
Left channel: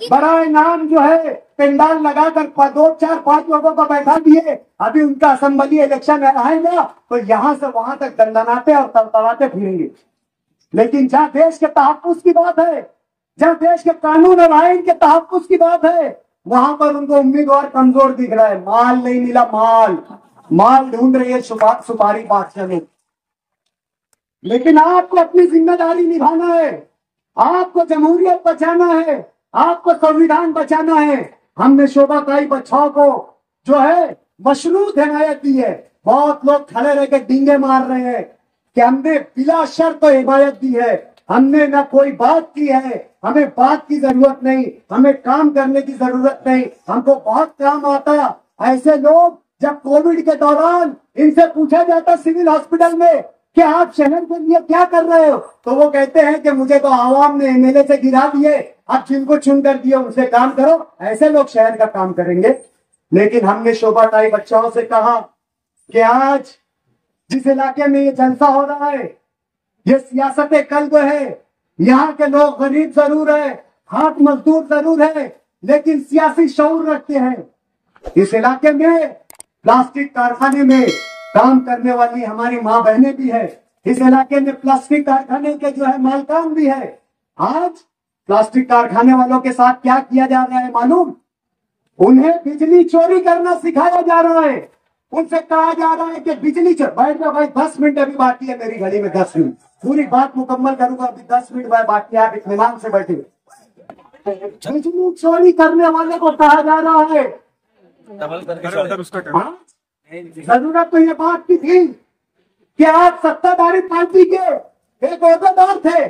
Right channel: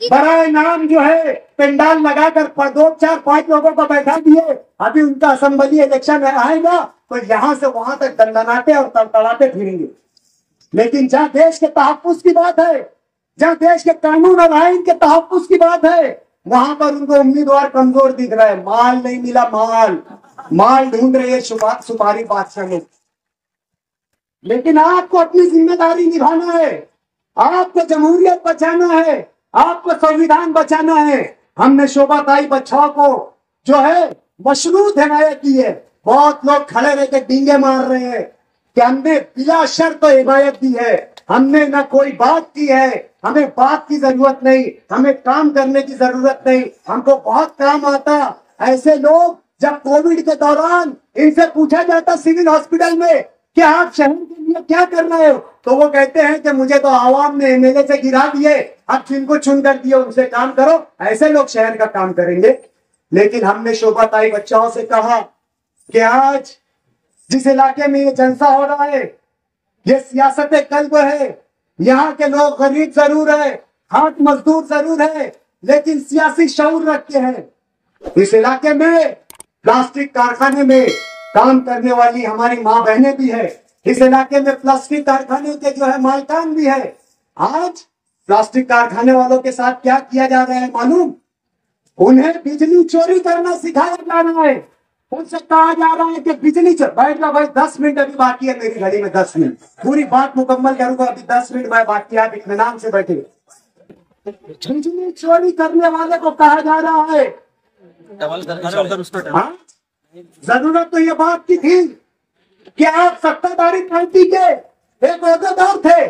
बराए नाम जो है पंडाल लगाकर 2-4-5 लोगों को बैठा दिए। अभी उनका असेंबली इलेक्शन आएगा तो यहां से वहां तक दंडनाते और तड़तड़ाते फिरेंगे। लेकिन जहां देश के तहफ्फुज़ की बात है, जहां देश के कानून और आइन के तहफ्फुज़ की बात है, वहां पर उनको उम्मीदवार कमजोर दिख रहा है, माल नहीं मिला, माल ढूंढ रही है सुपारी बादशाह ने। लेकिन आपको अपनी जिम्मेदारी निभाना है, आपको जमहूरियत बचाना है, आपको संविधान बचाना है। हमने शोभाताई बच्चाओं को जो है मशरूत हिमायत दी है। बहुत लोग खड़े रह के डींगे मार रहे हैं कि हमने बिला शर्त हिमायत दी है, हमने ना कोई बात की है, हमें बात की जरूरत नहीं, हमें काम करने की जरूरत नहीं, हमको बहुत काम आता। ऐसे लोग जब कोविड के दौरान इनसे पूछा जाता सिविल हॉस्पिटल में कि आप शहर के लिए क्या कर रहे हो, तो वो कहते हैं कि मुझे तो आवाम ने एमएलए से गिरा दिए, अब जिनको चुन कर दिए उनसे काम करो। ऐसे लोग शहर का काम करेंगे। लेकिन हमने शोभाताई बच्चाओं से कहा कि आज जिस इलाके में ये जलसा हो रहा है, ये सियासत कल्ब है, यहाँ के लोग गरीब जरूर है, हाथ मजदूर जरूर है, लेकिन सियासी शऊर रखते हैं। इस इलाके में प्लास्टिक कारखाने में काम करने वाली हमारी माँ बहनें भी है, इस इलाके में प्लास्टिक कारखाने के जो है मालकान भी है। आज प्लास्टिक कारखाने वालों के साथ क्या किया जा रहा है मालूम? उन्हें बिजली चोरी करना सिखाया जा रहा है। उनसे कहा जा रहा है कि बिजली बैठ जाओ भाई, 10 मिनट अभी बाकी है मेरी घड़ी में, 10 मिनट पूरी बात मुकम्मल करूंगा, अभी 10 मिनट बाकी है, आप इत्मीनान से बैठे। बिजली चोरी करने वाले को कहा जा रहा है। जरूरत तो ये बात की थी कि आप सत्ताधारी पार्टी के एक ओहदेदार थे,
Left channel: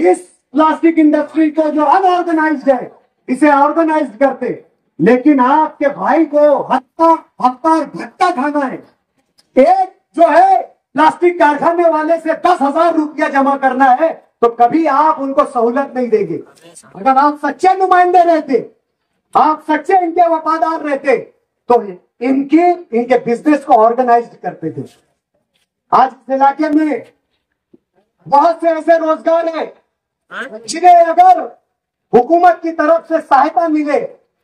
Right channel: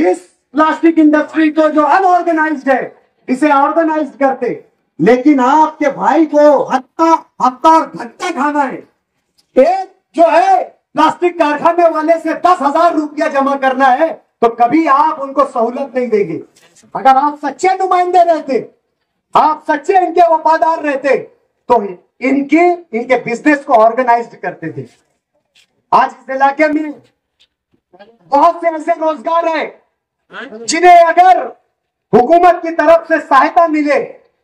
इस प्लास्टिक इंडस्ट्री को जो अनऑर्गेनाइज्ड है इसे ऑर्गेनाइज करते। लेकिन आपके भाई को हत्ता और घट्टा खाना है। एक जो है प्लास्टिक कारखाने वाले से 10,000 रुपया जमा करना है तो कभी आप उनको सहूलत नहीं देंगे। अगर आप सच्चे नुमाइंदे रहते, आप सच्चे इनके वफादार रहते तो इनके बिजनेस को ऑर्गेनाइज करते थे। आज इस इलाके में बहुत से ऐसे रोजगार है जिन्हें अगर हुकूमत की तरफ से सहायता मिले,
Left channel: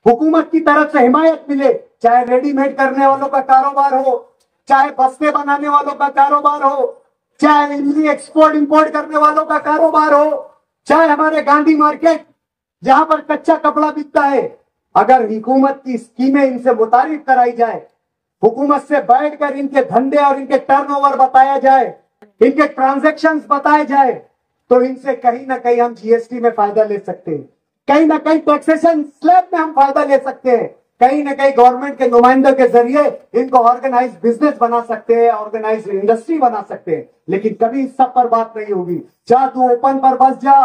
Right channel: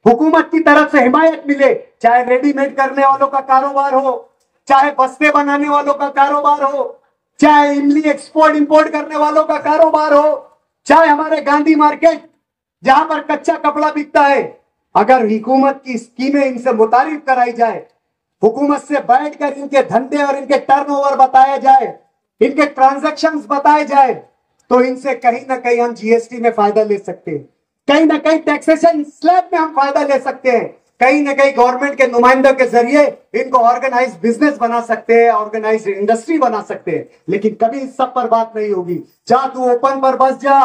हुकूमत की तरफ से हिमायत मिले, चाहे रेडीमेड करने वालों का कारोबार हो, चाहे बस्ते बनाने वालों का कारोबार हो, चाहे इमली एक्सपोर्ट इंपोर्ट करने वालों का कारोबार हो, चाहे हमारे गांधी मार्केट जहां पर कच्चा कपड़ा बिकता है, अगर हुकूमत की स्कीमें इनसे मुतारिफ कराई जाए, हुकूमत से बैठकर इनके धंधे और इनके टर्नओवर बताया जाए, इनके ट्रांजैक्शंस बताए जाए, तो इनसे कहीं ना कहीं हम जीएसटी में फायदा ले सकते हैं, कहीं ना कहीं टैक्सेशन स्लैब में हम फायदा ले सकते हैं, कहीं ना कहीं गवर्नमेंट के नुमाइंदों के जरिए इनको ऑर्गेनाइज बिजनेस बना सकते हैं, ऑर्गेनाइज इंडस्ट्री बना सकते हैं। लेकिन कभी इस सब पर बात नहीं होगी। जा तू ओपन पर बस जा,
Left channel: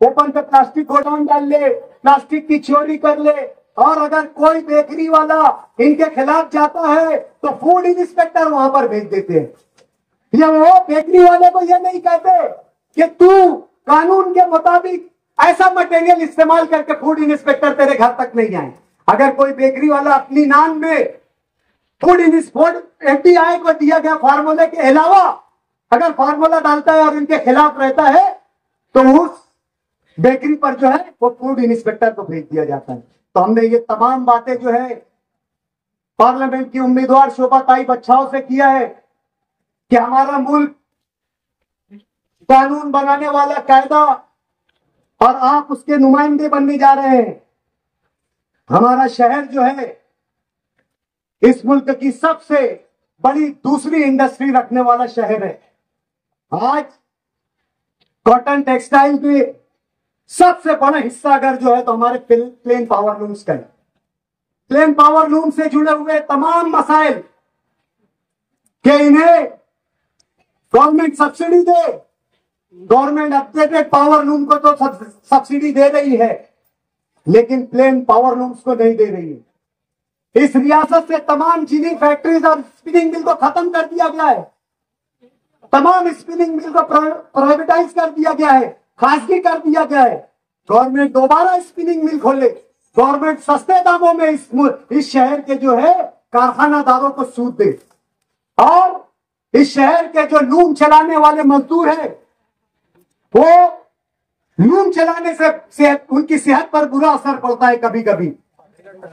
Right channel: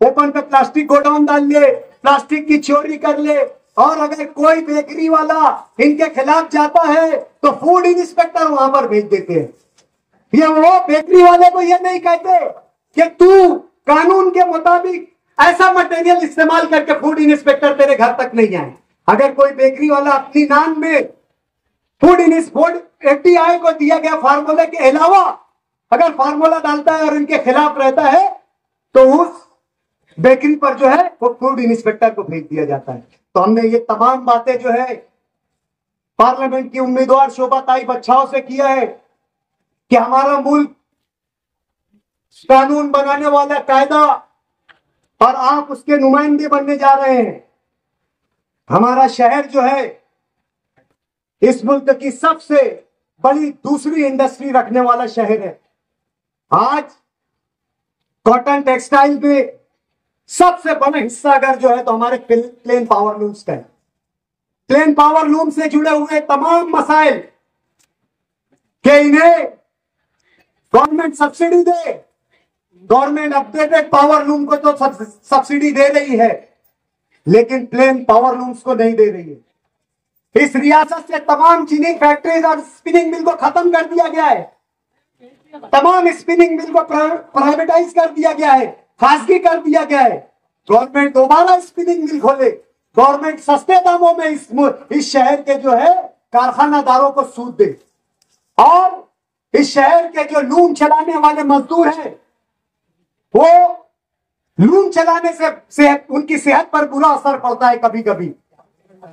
ओपन पे प्लास्टिक गोडाउन डाल ले, प्लास्टिक की चोरी कर ले, और अगर कोई बेकरी वाला इनके खिलाफ जाता है तो फूड इंस्पेक्टर वहां पर भेज देते हैं। या वो बेकरी वाले को ये नहीं कहते कि तू कानून के मुताबिक ऐसा मटेरियल इस्तेमाल करके फूड इंस्पेक्टर तेरे घर तक नहीं आए। अगर कोई बेकरी वाला अपनी नाम में फूड एफडीआई को दिया गया फार्मूले के अलावा अगर फार्मूला डालता है और इनके खिलाफ रहता है तो उस बेकरी पर जो है वो फूड इंस्पेक्टर को भेज दिया जाता है। तो हमने ये तमाम बातें जो है पार्लियामेंट की उम्मीदवार शोभाताई बच्चाओं से किया है कि हमारा मुल्क कानून बनाने वाला कायदा और आप उसके नुमाइंदे बनने जा रहे हैं। हमारा शहर जो है इस मुल्क की सबसे बड़ी दूसरी इंडस्ट्री रखने वाला शहर है। आज कॉटन टेक्सटाइल में सबसे बड़ा हिस्सा अगर जो है तो हमारे प्लेन पावर लूम्स का है। प्लेन पावर लूम से जुड़े हुए तमाम मसाइल कि इन्हें गवर्नमेंट सब्सिडी दे, गवर्नमेंट अपडेटेड पावर लूम को तो सब्सिडी दे रही है लेकिन प्लेन पावर लूम्स को नहीं दे रही है। इस रियासत से तमाम चीनी फैक्ट्रीज और स्पिनिंग मिल को खत्म कर दिया गया है, तमाम स्पिनिंग मिल को प्राइवेटाइज कर दिया गया है, खासगी कर दिया गया है। गवर्नमेंट दोबारा स्पिनिंग मिल खोले, गवर्नमेंट सस्ते दामों में इस शहर के जो है कारखानादारों को सूद दे और इस शहर के जो लूम चलाने वाले मजदूर हैं वो लूम चलाने से उनकी सेहत पर बुरा असर पड़ता है। कभी कभी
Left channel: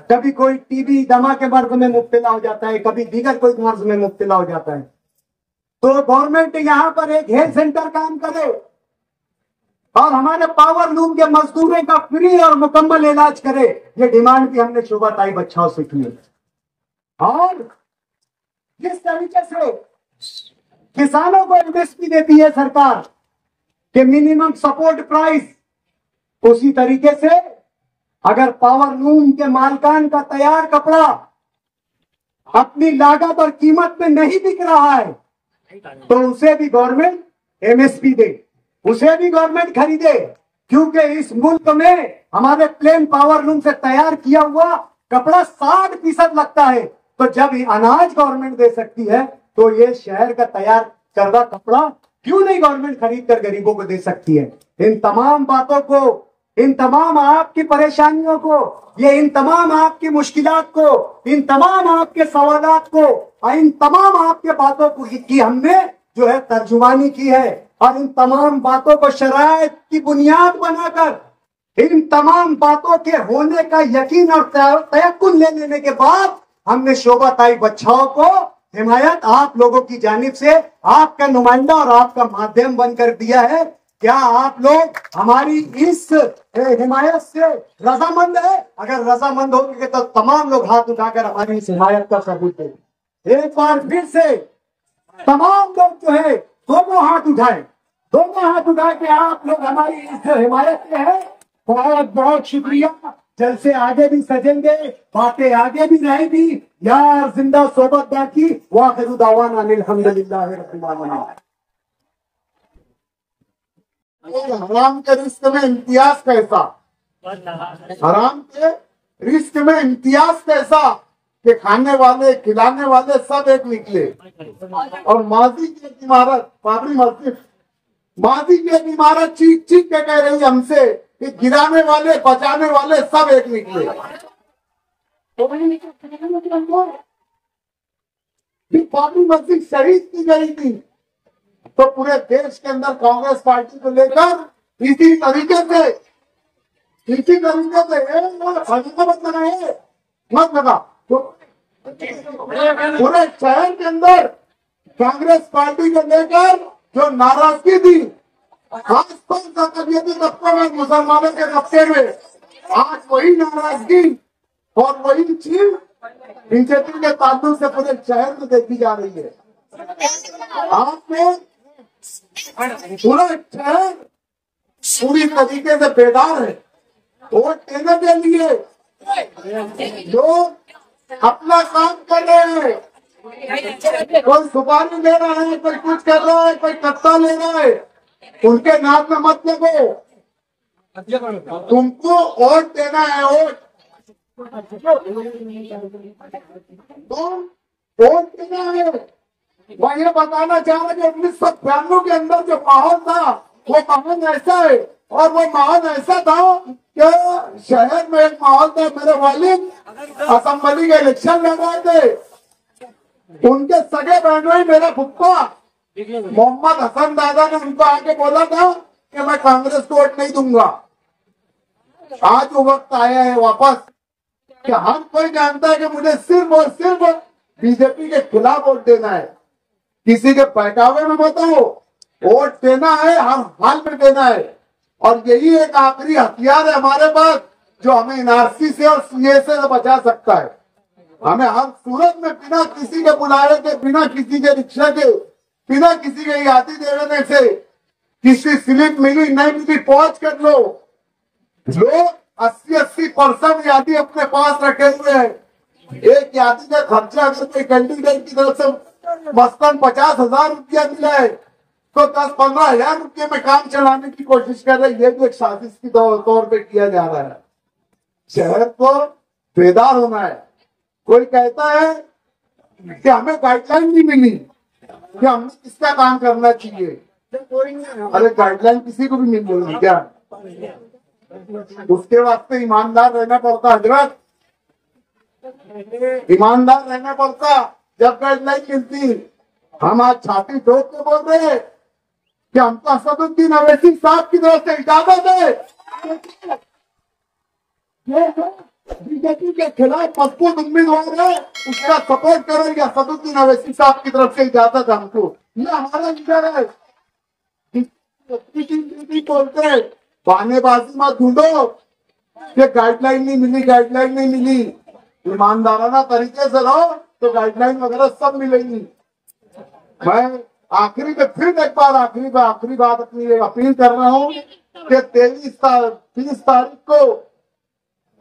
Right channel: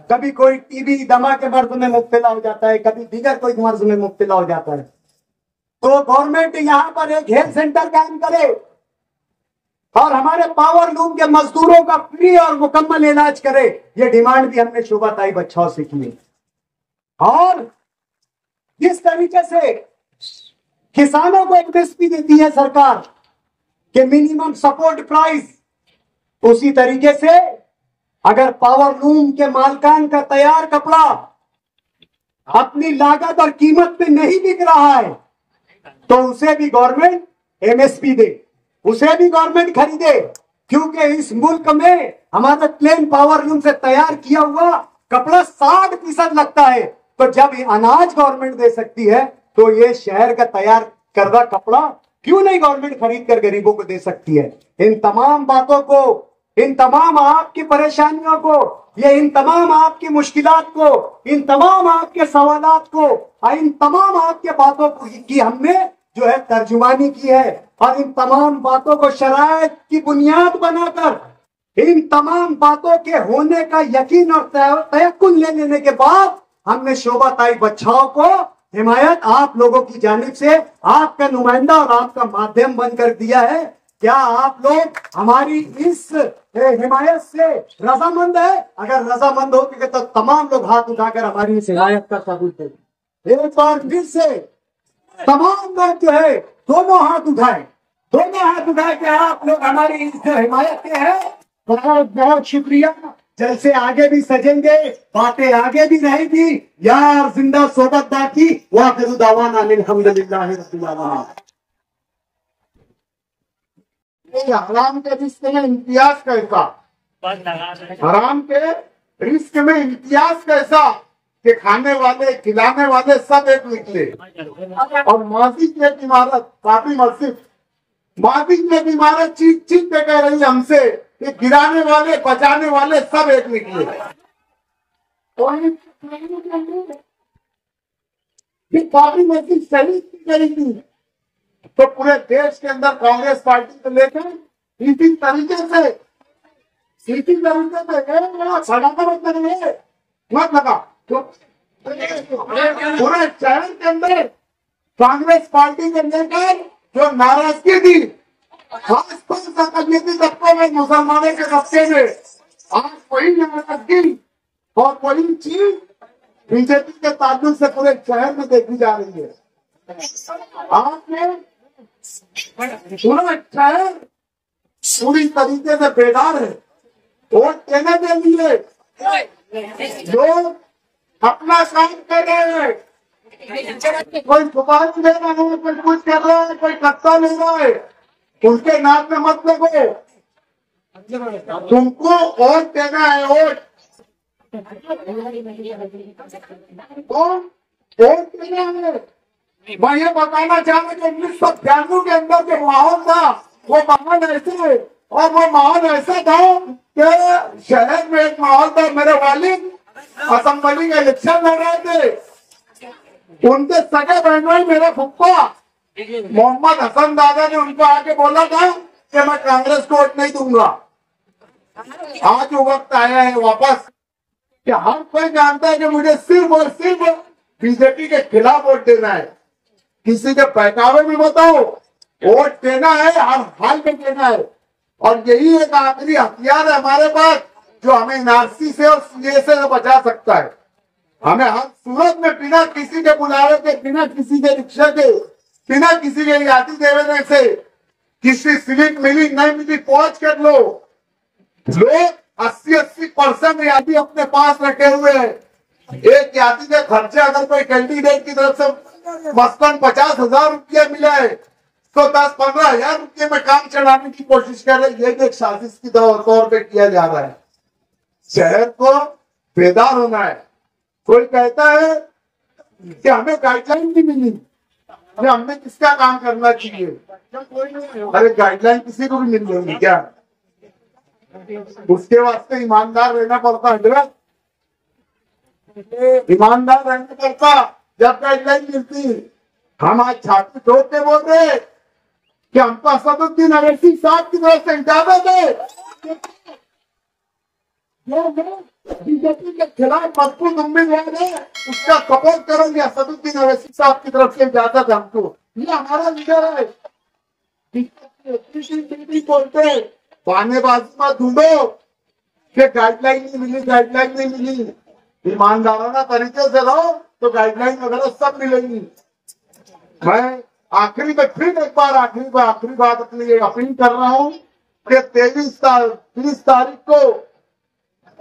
कभी कोई टीबी दमा के मर्ज में मुब्तला हो जाता है, कभी दीगर कोई मर्ज में मुब्तला हो जाता है। तो गवर्नमेंट यहां पर एक हेल्थ सेंटर कायम करे और हमारे पावर लूम के मजदूरों का फ्री और मुकम्मल इलाज करे। ये डिमांड भी हमने शोभाताई बच्चाओं से की। और जिस तरीके से किसानों को एमएसपी देती है सरकार कि मिनिमम सपोर्ट प्राइस, उसी तरीके से अगर पावर लूम के मालकान का तैयार कपड़ा अपनी लागत और कीमत पे नहीं बिक रहा है तो उसे भी गवर्नमेंट एमएसपी दे, उसे भी गवर्नमेंट खरीदे। क्योंकि इस मुल्क में हमारे प्लेन पावर लूम से तैयार किया हुआ कपड़ा 60% लगता है। तो जब ये अनाज गवर्नमेंट दे सकती है तो ये शहर का तैयार करदा कपड़ा क्यों नहीं गवर्नमेंट खरीद कर गरीबों को दे सकती है। इन तमाम बातों को, इन तमाम आपकी परेशानियों को, ये इन तमाम आपकी मुश्किलात को, इन तमाम आपके सवालात को, इन तमाम आपके बातों को की हमने जो है तर्जुमानी की है। और इन तमाम बातों को शराइत की बुनियाद बनाकर, इन तमाम बातों के होने का यकीन और तयक्कुन ले लेने के बाद हमने शोभाताई बच्चाओं को हिमायत आप लोगों की जानिब से आपका नुमाइंदा और आपका माध्यम बनकर दिया है। क्या आप लोग हमारी इस हिमायत से रजामंद है? अगर रजामंद होते तो तमाम लोग हाथ उठाकर हमारी इस हिमायत का सबूत दें। एक बार फिर से तमाम लोग जो है दोनों हाथ उठाए, दोनों हाथ उठाए कि आप लोग हमारी इस हिमायत के हैं। बहुत बहुत शुक्रिया। जलसे आगे भी सजेंगे, बातें आगे भी रहेगी। यार जिंदा सोबत दाकी वाखिरु दावाना अल्हम्दुलिल्लाहि रब्बिल आलमीन। हराम के रिस्क में इम्तियाज कैसा, हराम के रिस्क में इम्तियाज कैसा कि खाने वाले खिलाने वाले सब एक निकले। और माजी की एक इमारत, बाबरी मस्जिद, माजी की एक इमारत चीख चीख के कह रही हमसे कि गिराने वाले बचाने वाले सब एक निकले। बाबरी मस्जिद शहीद की गई थी तो पूरे देश के अंदर कांग्रेस पार्टी को लेकर इसी तरीके से मत लगा तो पूरे शहर के अंदर कांग्रेस पार्टी को लेकर जो नाराजगी थी, खास अकलियती तबकों में, मुसलमानों के तबके में, आज वही नाराजगी और वही चीज बीजेपी के ताल्लुक से पूरे शहर में देखी जा रही है। आपने पूरा शहर पूरी तरीके से बेदार है वोट देने के लिए। लोग अपना काम कर रहे हैं, कोई सुपारी ले रहा है, कोई कुछ कर रहा है, कोई कत्ता ले रहा है, उनके नाक में मत लगो। तुमको वोट देना है, वोट तुम वोट देना है। मैं ये बताना चाह रहा कि 1992 के अंदर जो माहौल था वो माहौल ऐसा है, और वो माहौल ऐसा था कि शहर में एक माहौल था। मेरे वालिद असेंबली के इलेक्शन लड़ रहे थे, उनके सगे बहनोई मेरे फुप्पा मोहम्मद हसन दादा ने उनको आके बोला था कि मैं कांग्रेस को वोट नहीं दूंगा। आज वो वक्त आया है वापस कि हर कोई जानता है कि मुझे सिर्फ और सिर्फ बीजेपी के खिलाफ वोट देना है। किसी के बहकावे में बताओ, वोट देना है, हर हाल में देना है। और यही एक आखिरी हथियार है हमारे पास जो हमें एनआरसी से और सीए से बचा सकता है। हमें हर सूरत में बिना किसी के बुलावे के, बिना किसी के रिक्शा के, बिना किसी के यादी देने से, किसी स्लिप मिली नहीं मिली पहुंच कर लो। लोग 80% यादी अपने पास रखे हुए हैं। एक यादी का खर्चा अगर कोई कैंडिडेट की तरफ से मसलन 50,000 रुपया मिला है तो 10-15 हजार रुपये में काम चलाने की कोशिश कर रहे। ये एक साजिश की तौर पे किया जा रहा है। शहर को बेदार होना है। कोई कहता है कि हमें गाइडलाइन नहीं मिली कि हमें किसका काम करना चाहिए। अरे गाइडलाइन किसी को भी मिल जाएगी क्या? उसके वास्ते ईमानदार रहना पड़ता हजरत, ईमानदार रहना पड़ता जब गाइडलाइन मिलती। हम आज छाती ठोक के बोल रहे हैं कि हमको असदुद्दीन अवैसी साहब की तरफ से इजाजत है। बीजेपी के खिलाफ मजबूत उम्मीदवार है, उसका सपोर्ट करो। या असदुद्दीन अवैसी साहब की तरफ से इजाजत है हमको, ये हमारा लीडर है। बोलते हैं बहानेबाजी मत ढूंढो कि गाइडलाइन नहीं मिली, गाइडलाइन नहीं मिली। ईमानदाराना तरीके से रहो तो गाइडलाइन वगैरह सब मिलेंगी। मैं आखिरी में फिर एक बार आखिरी बात अपनी ये अपील कर रहा हूँ कि 30 तारीख को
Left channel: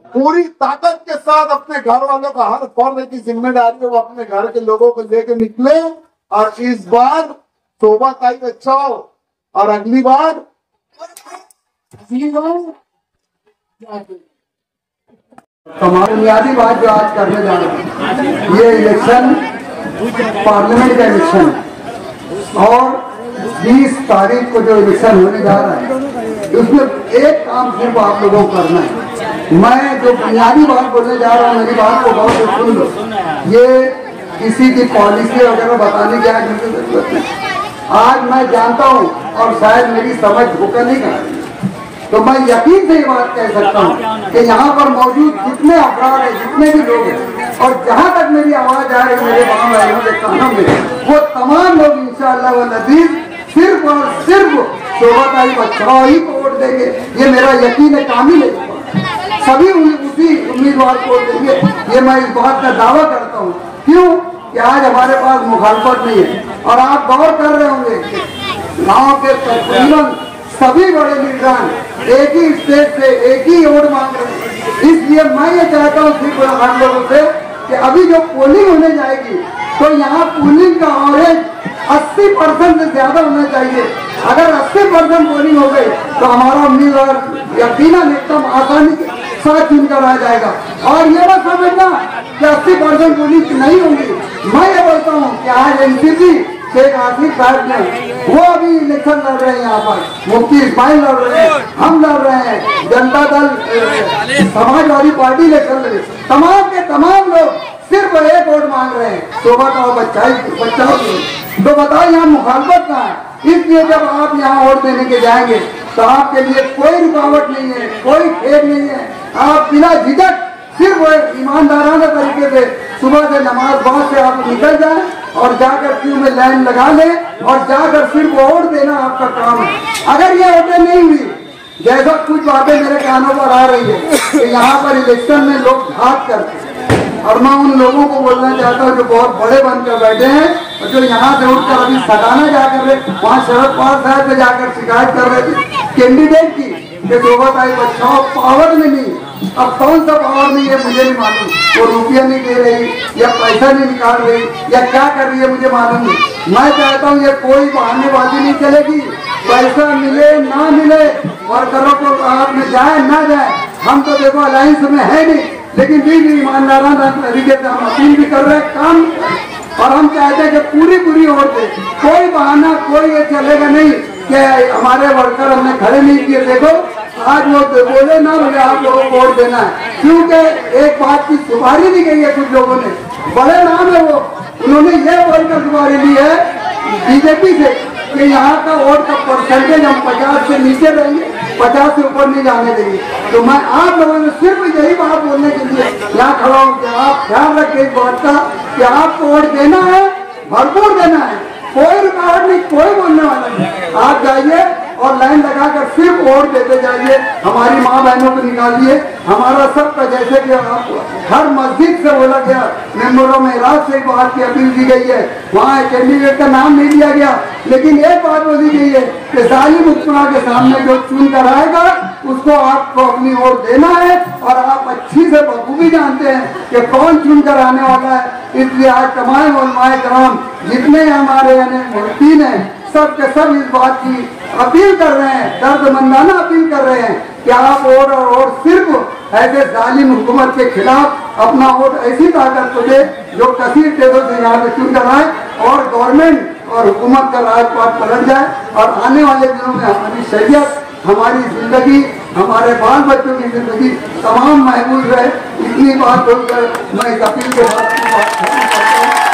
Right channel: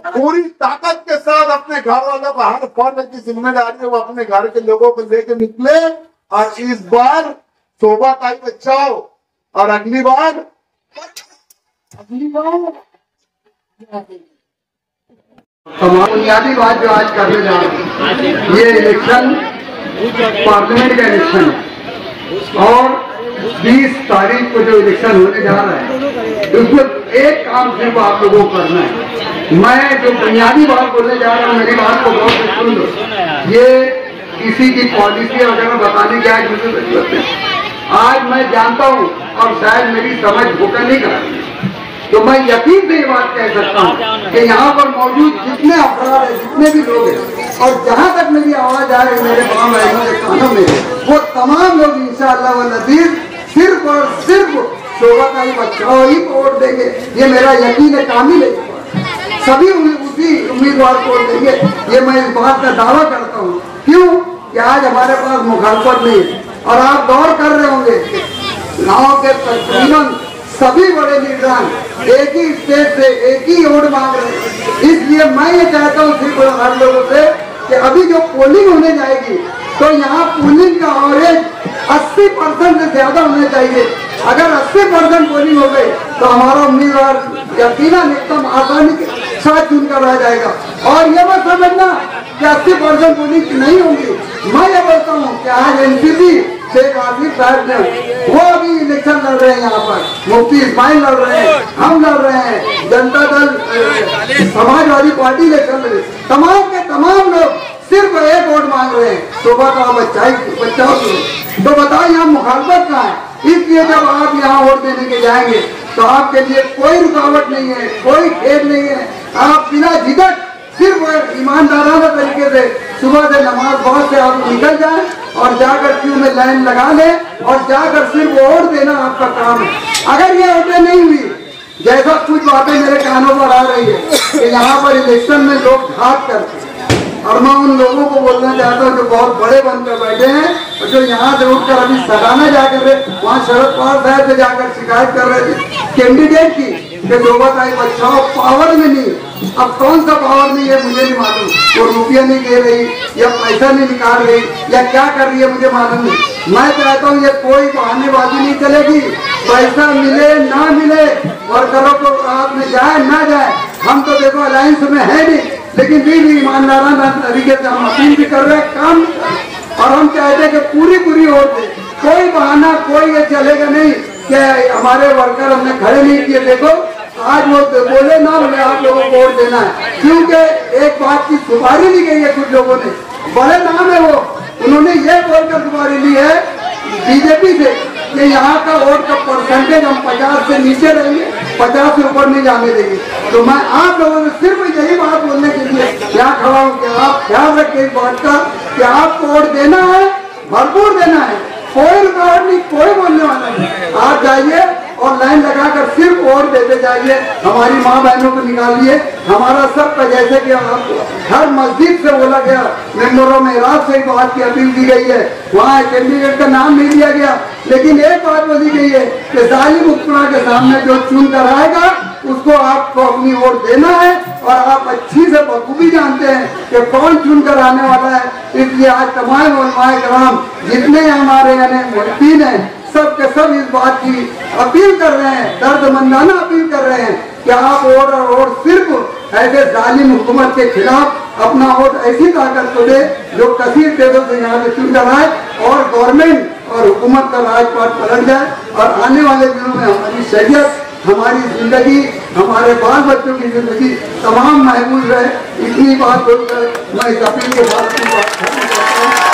पूरी ताकत के साथ अपने घर वालों का हर फर्द की जिम्मेदारी है वो अपने घर के लोगों को लेके निकले और इस बार शोभा ताई बचाओ और अगली बार बुनियादी बात जो आज करने जा रहे हैं, ये इलेक्शन पार्लियामेंट का इलेक्शन है और 20 तारीख को जो इलेक्शन होने जा रहा है उसमें एक काम सिर्फ आप लोगों को करना है। मैं जो बुनियादी बात बोलने जा रहा हूँ, मेरी बात को बहुत सुन लो। ये किसी की पॉलिसी वगैरह बताने की आज मुझे जरूरत नहीं। आज मैं जानता हूँ और शायद मेरी समझ होकर नहीं कर, तो मैं यकीन से ये बात कह सकता हूँ कि यहाँ पर मौजूद जितने अफराद हैं, जितने भी लोग हैं और जहाँ तक मेरी आवाज आ रही मेरे गाँव भाइयों के कानों में, वो तमाम लोग इंशाअल्लाह व नज़ीर सिर्फ और सिर्फ शोभा ताई बचाओ ही को वोट देंगे। ये मेरा यकीन है, कामिल है। सभी उसी उम्मीदवार को वोट देंगे, ये मैं इस बात का दावा करता हूँ। क्यों कि आज हमारे पास मुखालफत नहीं है। और आप गौर कर रहे होंगे गाँव के तकरीबन सभी बड़े लीडरान एक ही स्टेट से एक ही वोट मांग रहे हैं। इसलिए मैं ये कहता हूँ सिर्फ हर लोगों से कि अभी जो पोलिंग होने जाएगी तो यहाँ पोलिंग का एवरेज 80% से ज्यादा होना चाहिए। अगर 80% पोलिंग हो गई तो हमारा उम्मीदवार यकीनन एकदम आसानी के साथ चुनकर आ जाएगा। और ये मत समझना कि 80% पोलिंग नहीं होगी। मैं ये बोलता हूँ कि आज एनसीपी शेख आसिफ साहब ने वो अभी इलेक्शन लड़ रहे हैं, यहाँ पर मुफ्ती इस्माइल लड़ रहे हैं, हम लड़ रहे हैं, जनता दल समाजवादी पार्टी इलेक्शन लड़ रही है। तमाम के तमाम लोग सिर्फ एक वोट मांग रहे हैं, शोभा का बचाओ। तो बताओ यहाँ मुखालफत कहाँ है? इसलिए जब आप यहाँ वोट देने के जाएंगे तो आपके लिए कोई रुकावट नहीं है, कोई खेद नहीं है। आप बिना झिझक सिर्फ ईमानदाराना तरीके से सुबह से नमाज बाद से आप निकल जाएं और जाकर क्यू में लाइन लगा लें और जाकर सिर्फ वोट देना आपका काम है। अगर ये वोटें नहीं हुई, जैसा कुछ बातें मेरे कानों पर आ रही है कि यहाँ पर इलेक्शन में लोग घात करते हैं, और मैं उन लोगों को बोलना चाहता हूँ जो बहुत बड़े बनकर बैठे हैं और जो यहाँ से उठकर अभी सटाना जाकर रहे, वहाँ शरद पवार साहब पे जाकर शिकायत कर रहे थे कैंडिडेट की कि शोभा ताई बचाओ पावर में नहीं। अब कौन सा पावर नहीं है मुझे नहीं मालूम, वो रुपया नहीं दे रही या पैसा नहीं निकाल रही या क्या कर रही है मुझे मालूम नहीं। मैं कहता हूँ ये कोई बहानेबाजी नहीं चलेगी। पैसा मिले ना मिले, वर्करों को हाथ में जाए ना जाए, हम तो देखो अलायंस में है नहीं, लेकिन भी ईमानदाराना तरीके से हम अपील भी कर रहे हैं, काम भी कर रहे हैं। और हम चाहते हैं कि पूरी वोट दे। कोई बहाना कोई ये चलेगा नहीं कि हमारे वर्कर हमने खड़े नहीं किए। देखो आज वो बोले ना बोले आप लोगों को वोट देना है, क्योंकि एक बात की सुपारी ली गई है। कुछ लोगों ने, बड़े नाम है वो, उन्होंने ये बोलकर सुपारी ली है बीजेपी से कि यहाँ का वोट का परसेंटेज हम 50 से नीचे रहेंगे, 50 से ऊपर नहीं जाने देंगे। तो मैं आप लोगों से सिर्फ यही बात बोलने के लिए यहाँ खड़ा हूँ कि आप ख्याल रखें इस बात का कि आपको वोट देना है, भरपूर देना है, कोई रुकावट नहीं, कोई बोलने वाला नहीं। आप जाइए और लाइन लगाकर सिर्फ वोट देते जाइए, हमारी माँ बहनों को निकालिए। हमारा सबका जैसे कि आपको हर मस्जिद से बोला गया, मेंबरों में रात से बात की अपील की गई है, वहाँ कैंडिडेट का नाम नहीं दिया गया, लेकिन एक बात बोली गई है कि जालिम हुक्मरान के सामने जो चुन कर आएगा उसको आपको अपनी वोट देना है। और आप अच्छी से बखूबी जानते हैं कि कौन चुन कर आने वाला है। इसलिए आज तमाम उलमाए कराम जितने हमारे यानी मुल्कीन हैं, सब के सब इस बात की अपील कर रहे हैं, दर्दमंदाना अपील कर रहे हैं कि आप वोट सिर्फ ऐसे जालिम हुकूमत के खिलाफ अपना वोट ऐसी ताकत को दे जो कसीर तेजों से यहाँ पे चुन कर आए और गवर्नमेंट और हुकूमत का राजपाट पलट जाए और आने वाले दिनों में हमारी शरीयत, हमारी जिंदगी, हमारे बाल बच्चों की जिंदगी तमाम महफूज है। इतनी बात बोलकर मैं इस अपील के बाद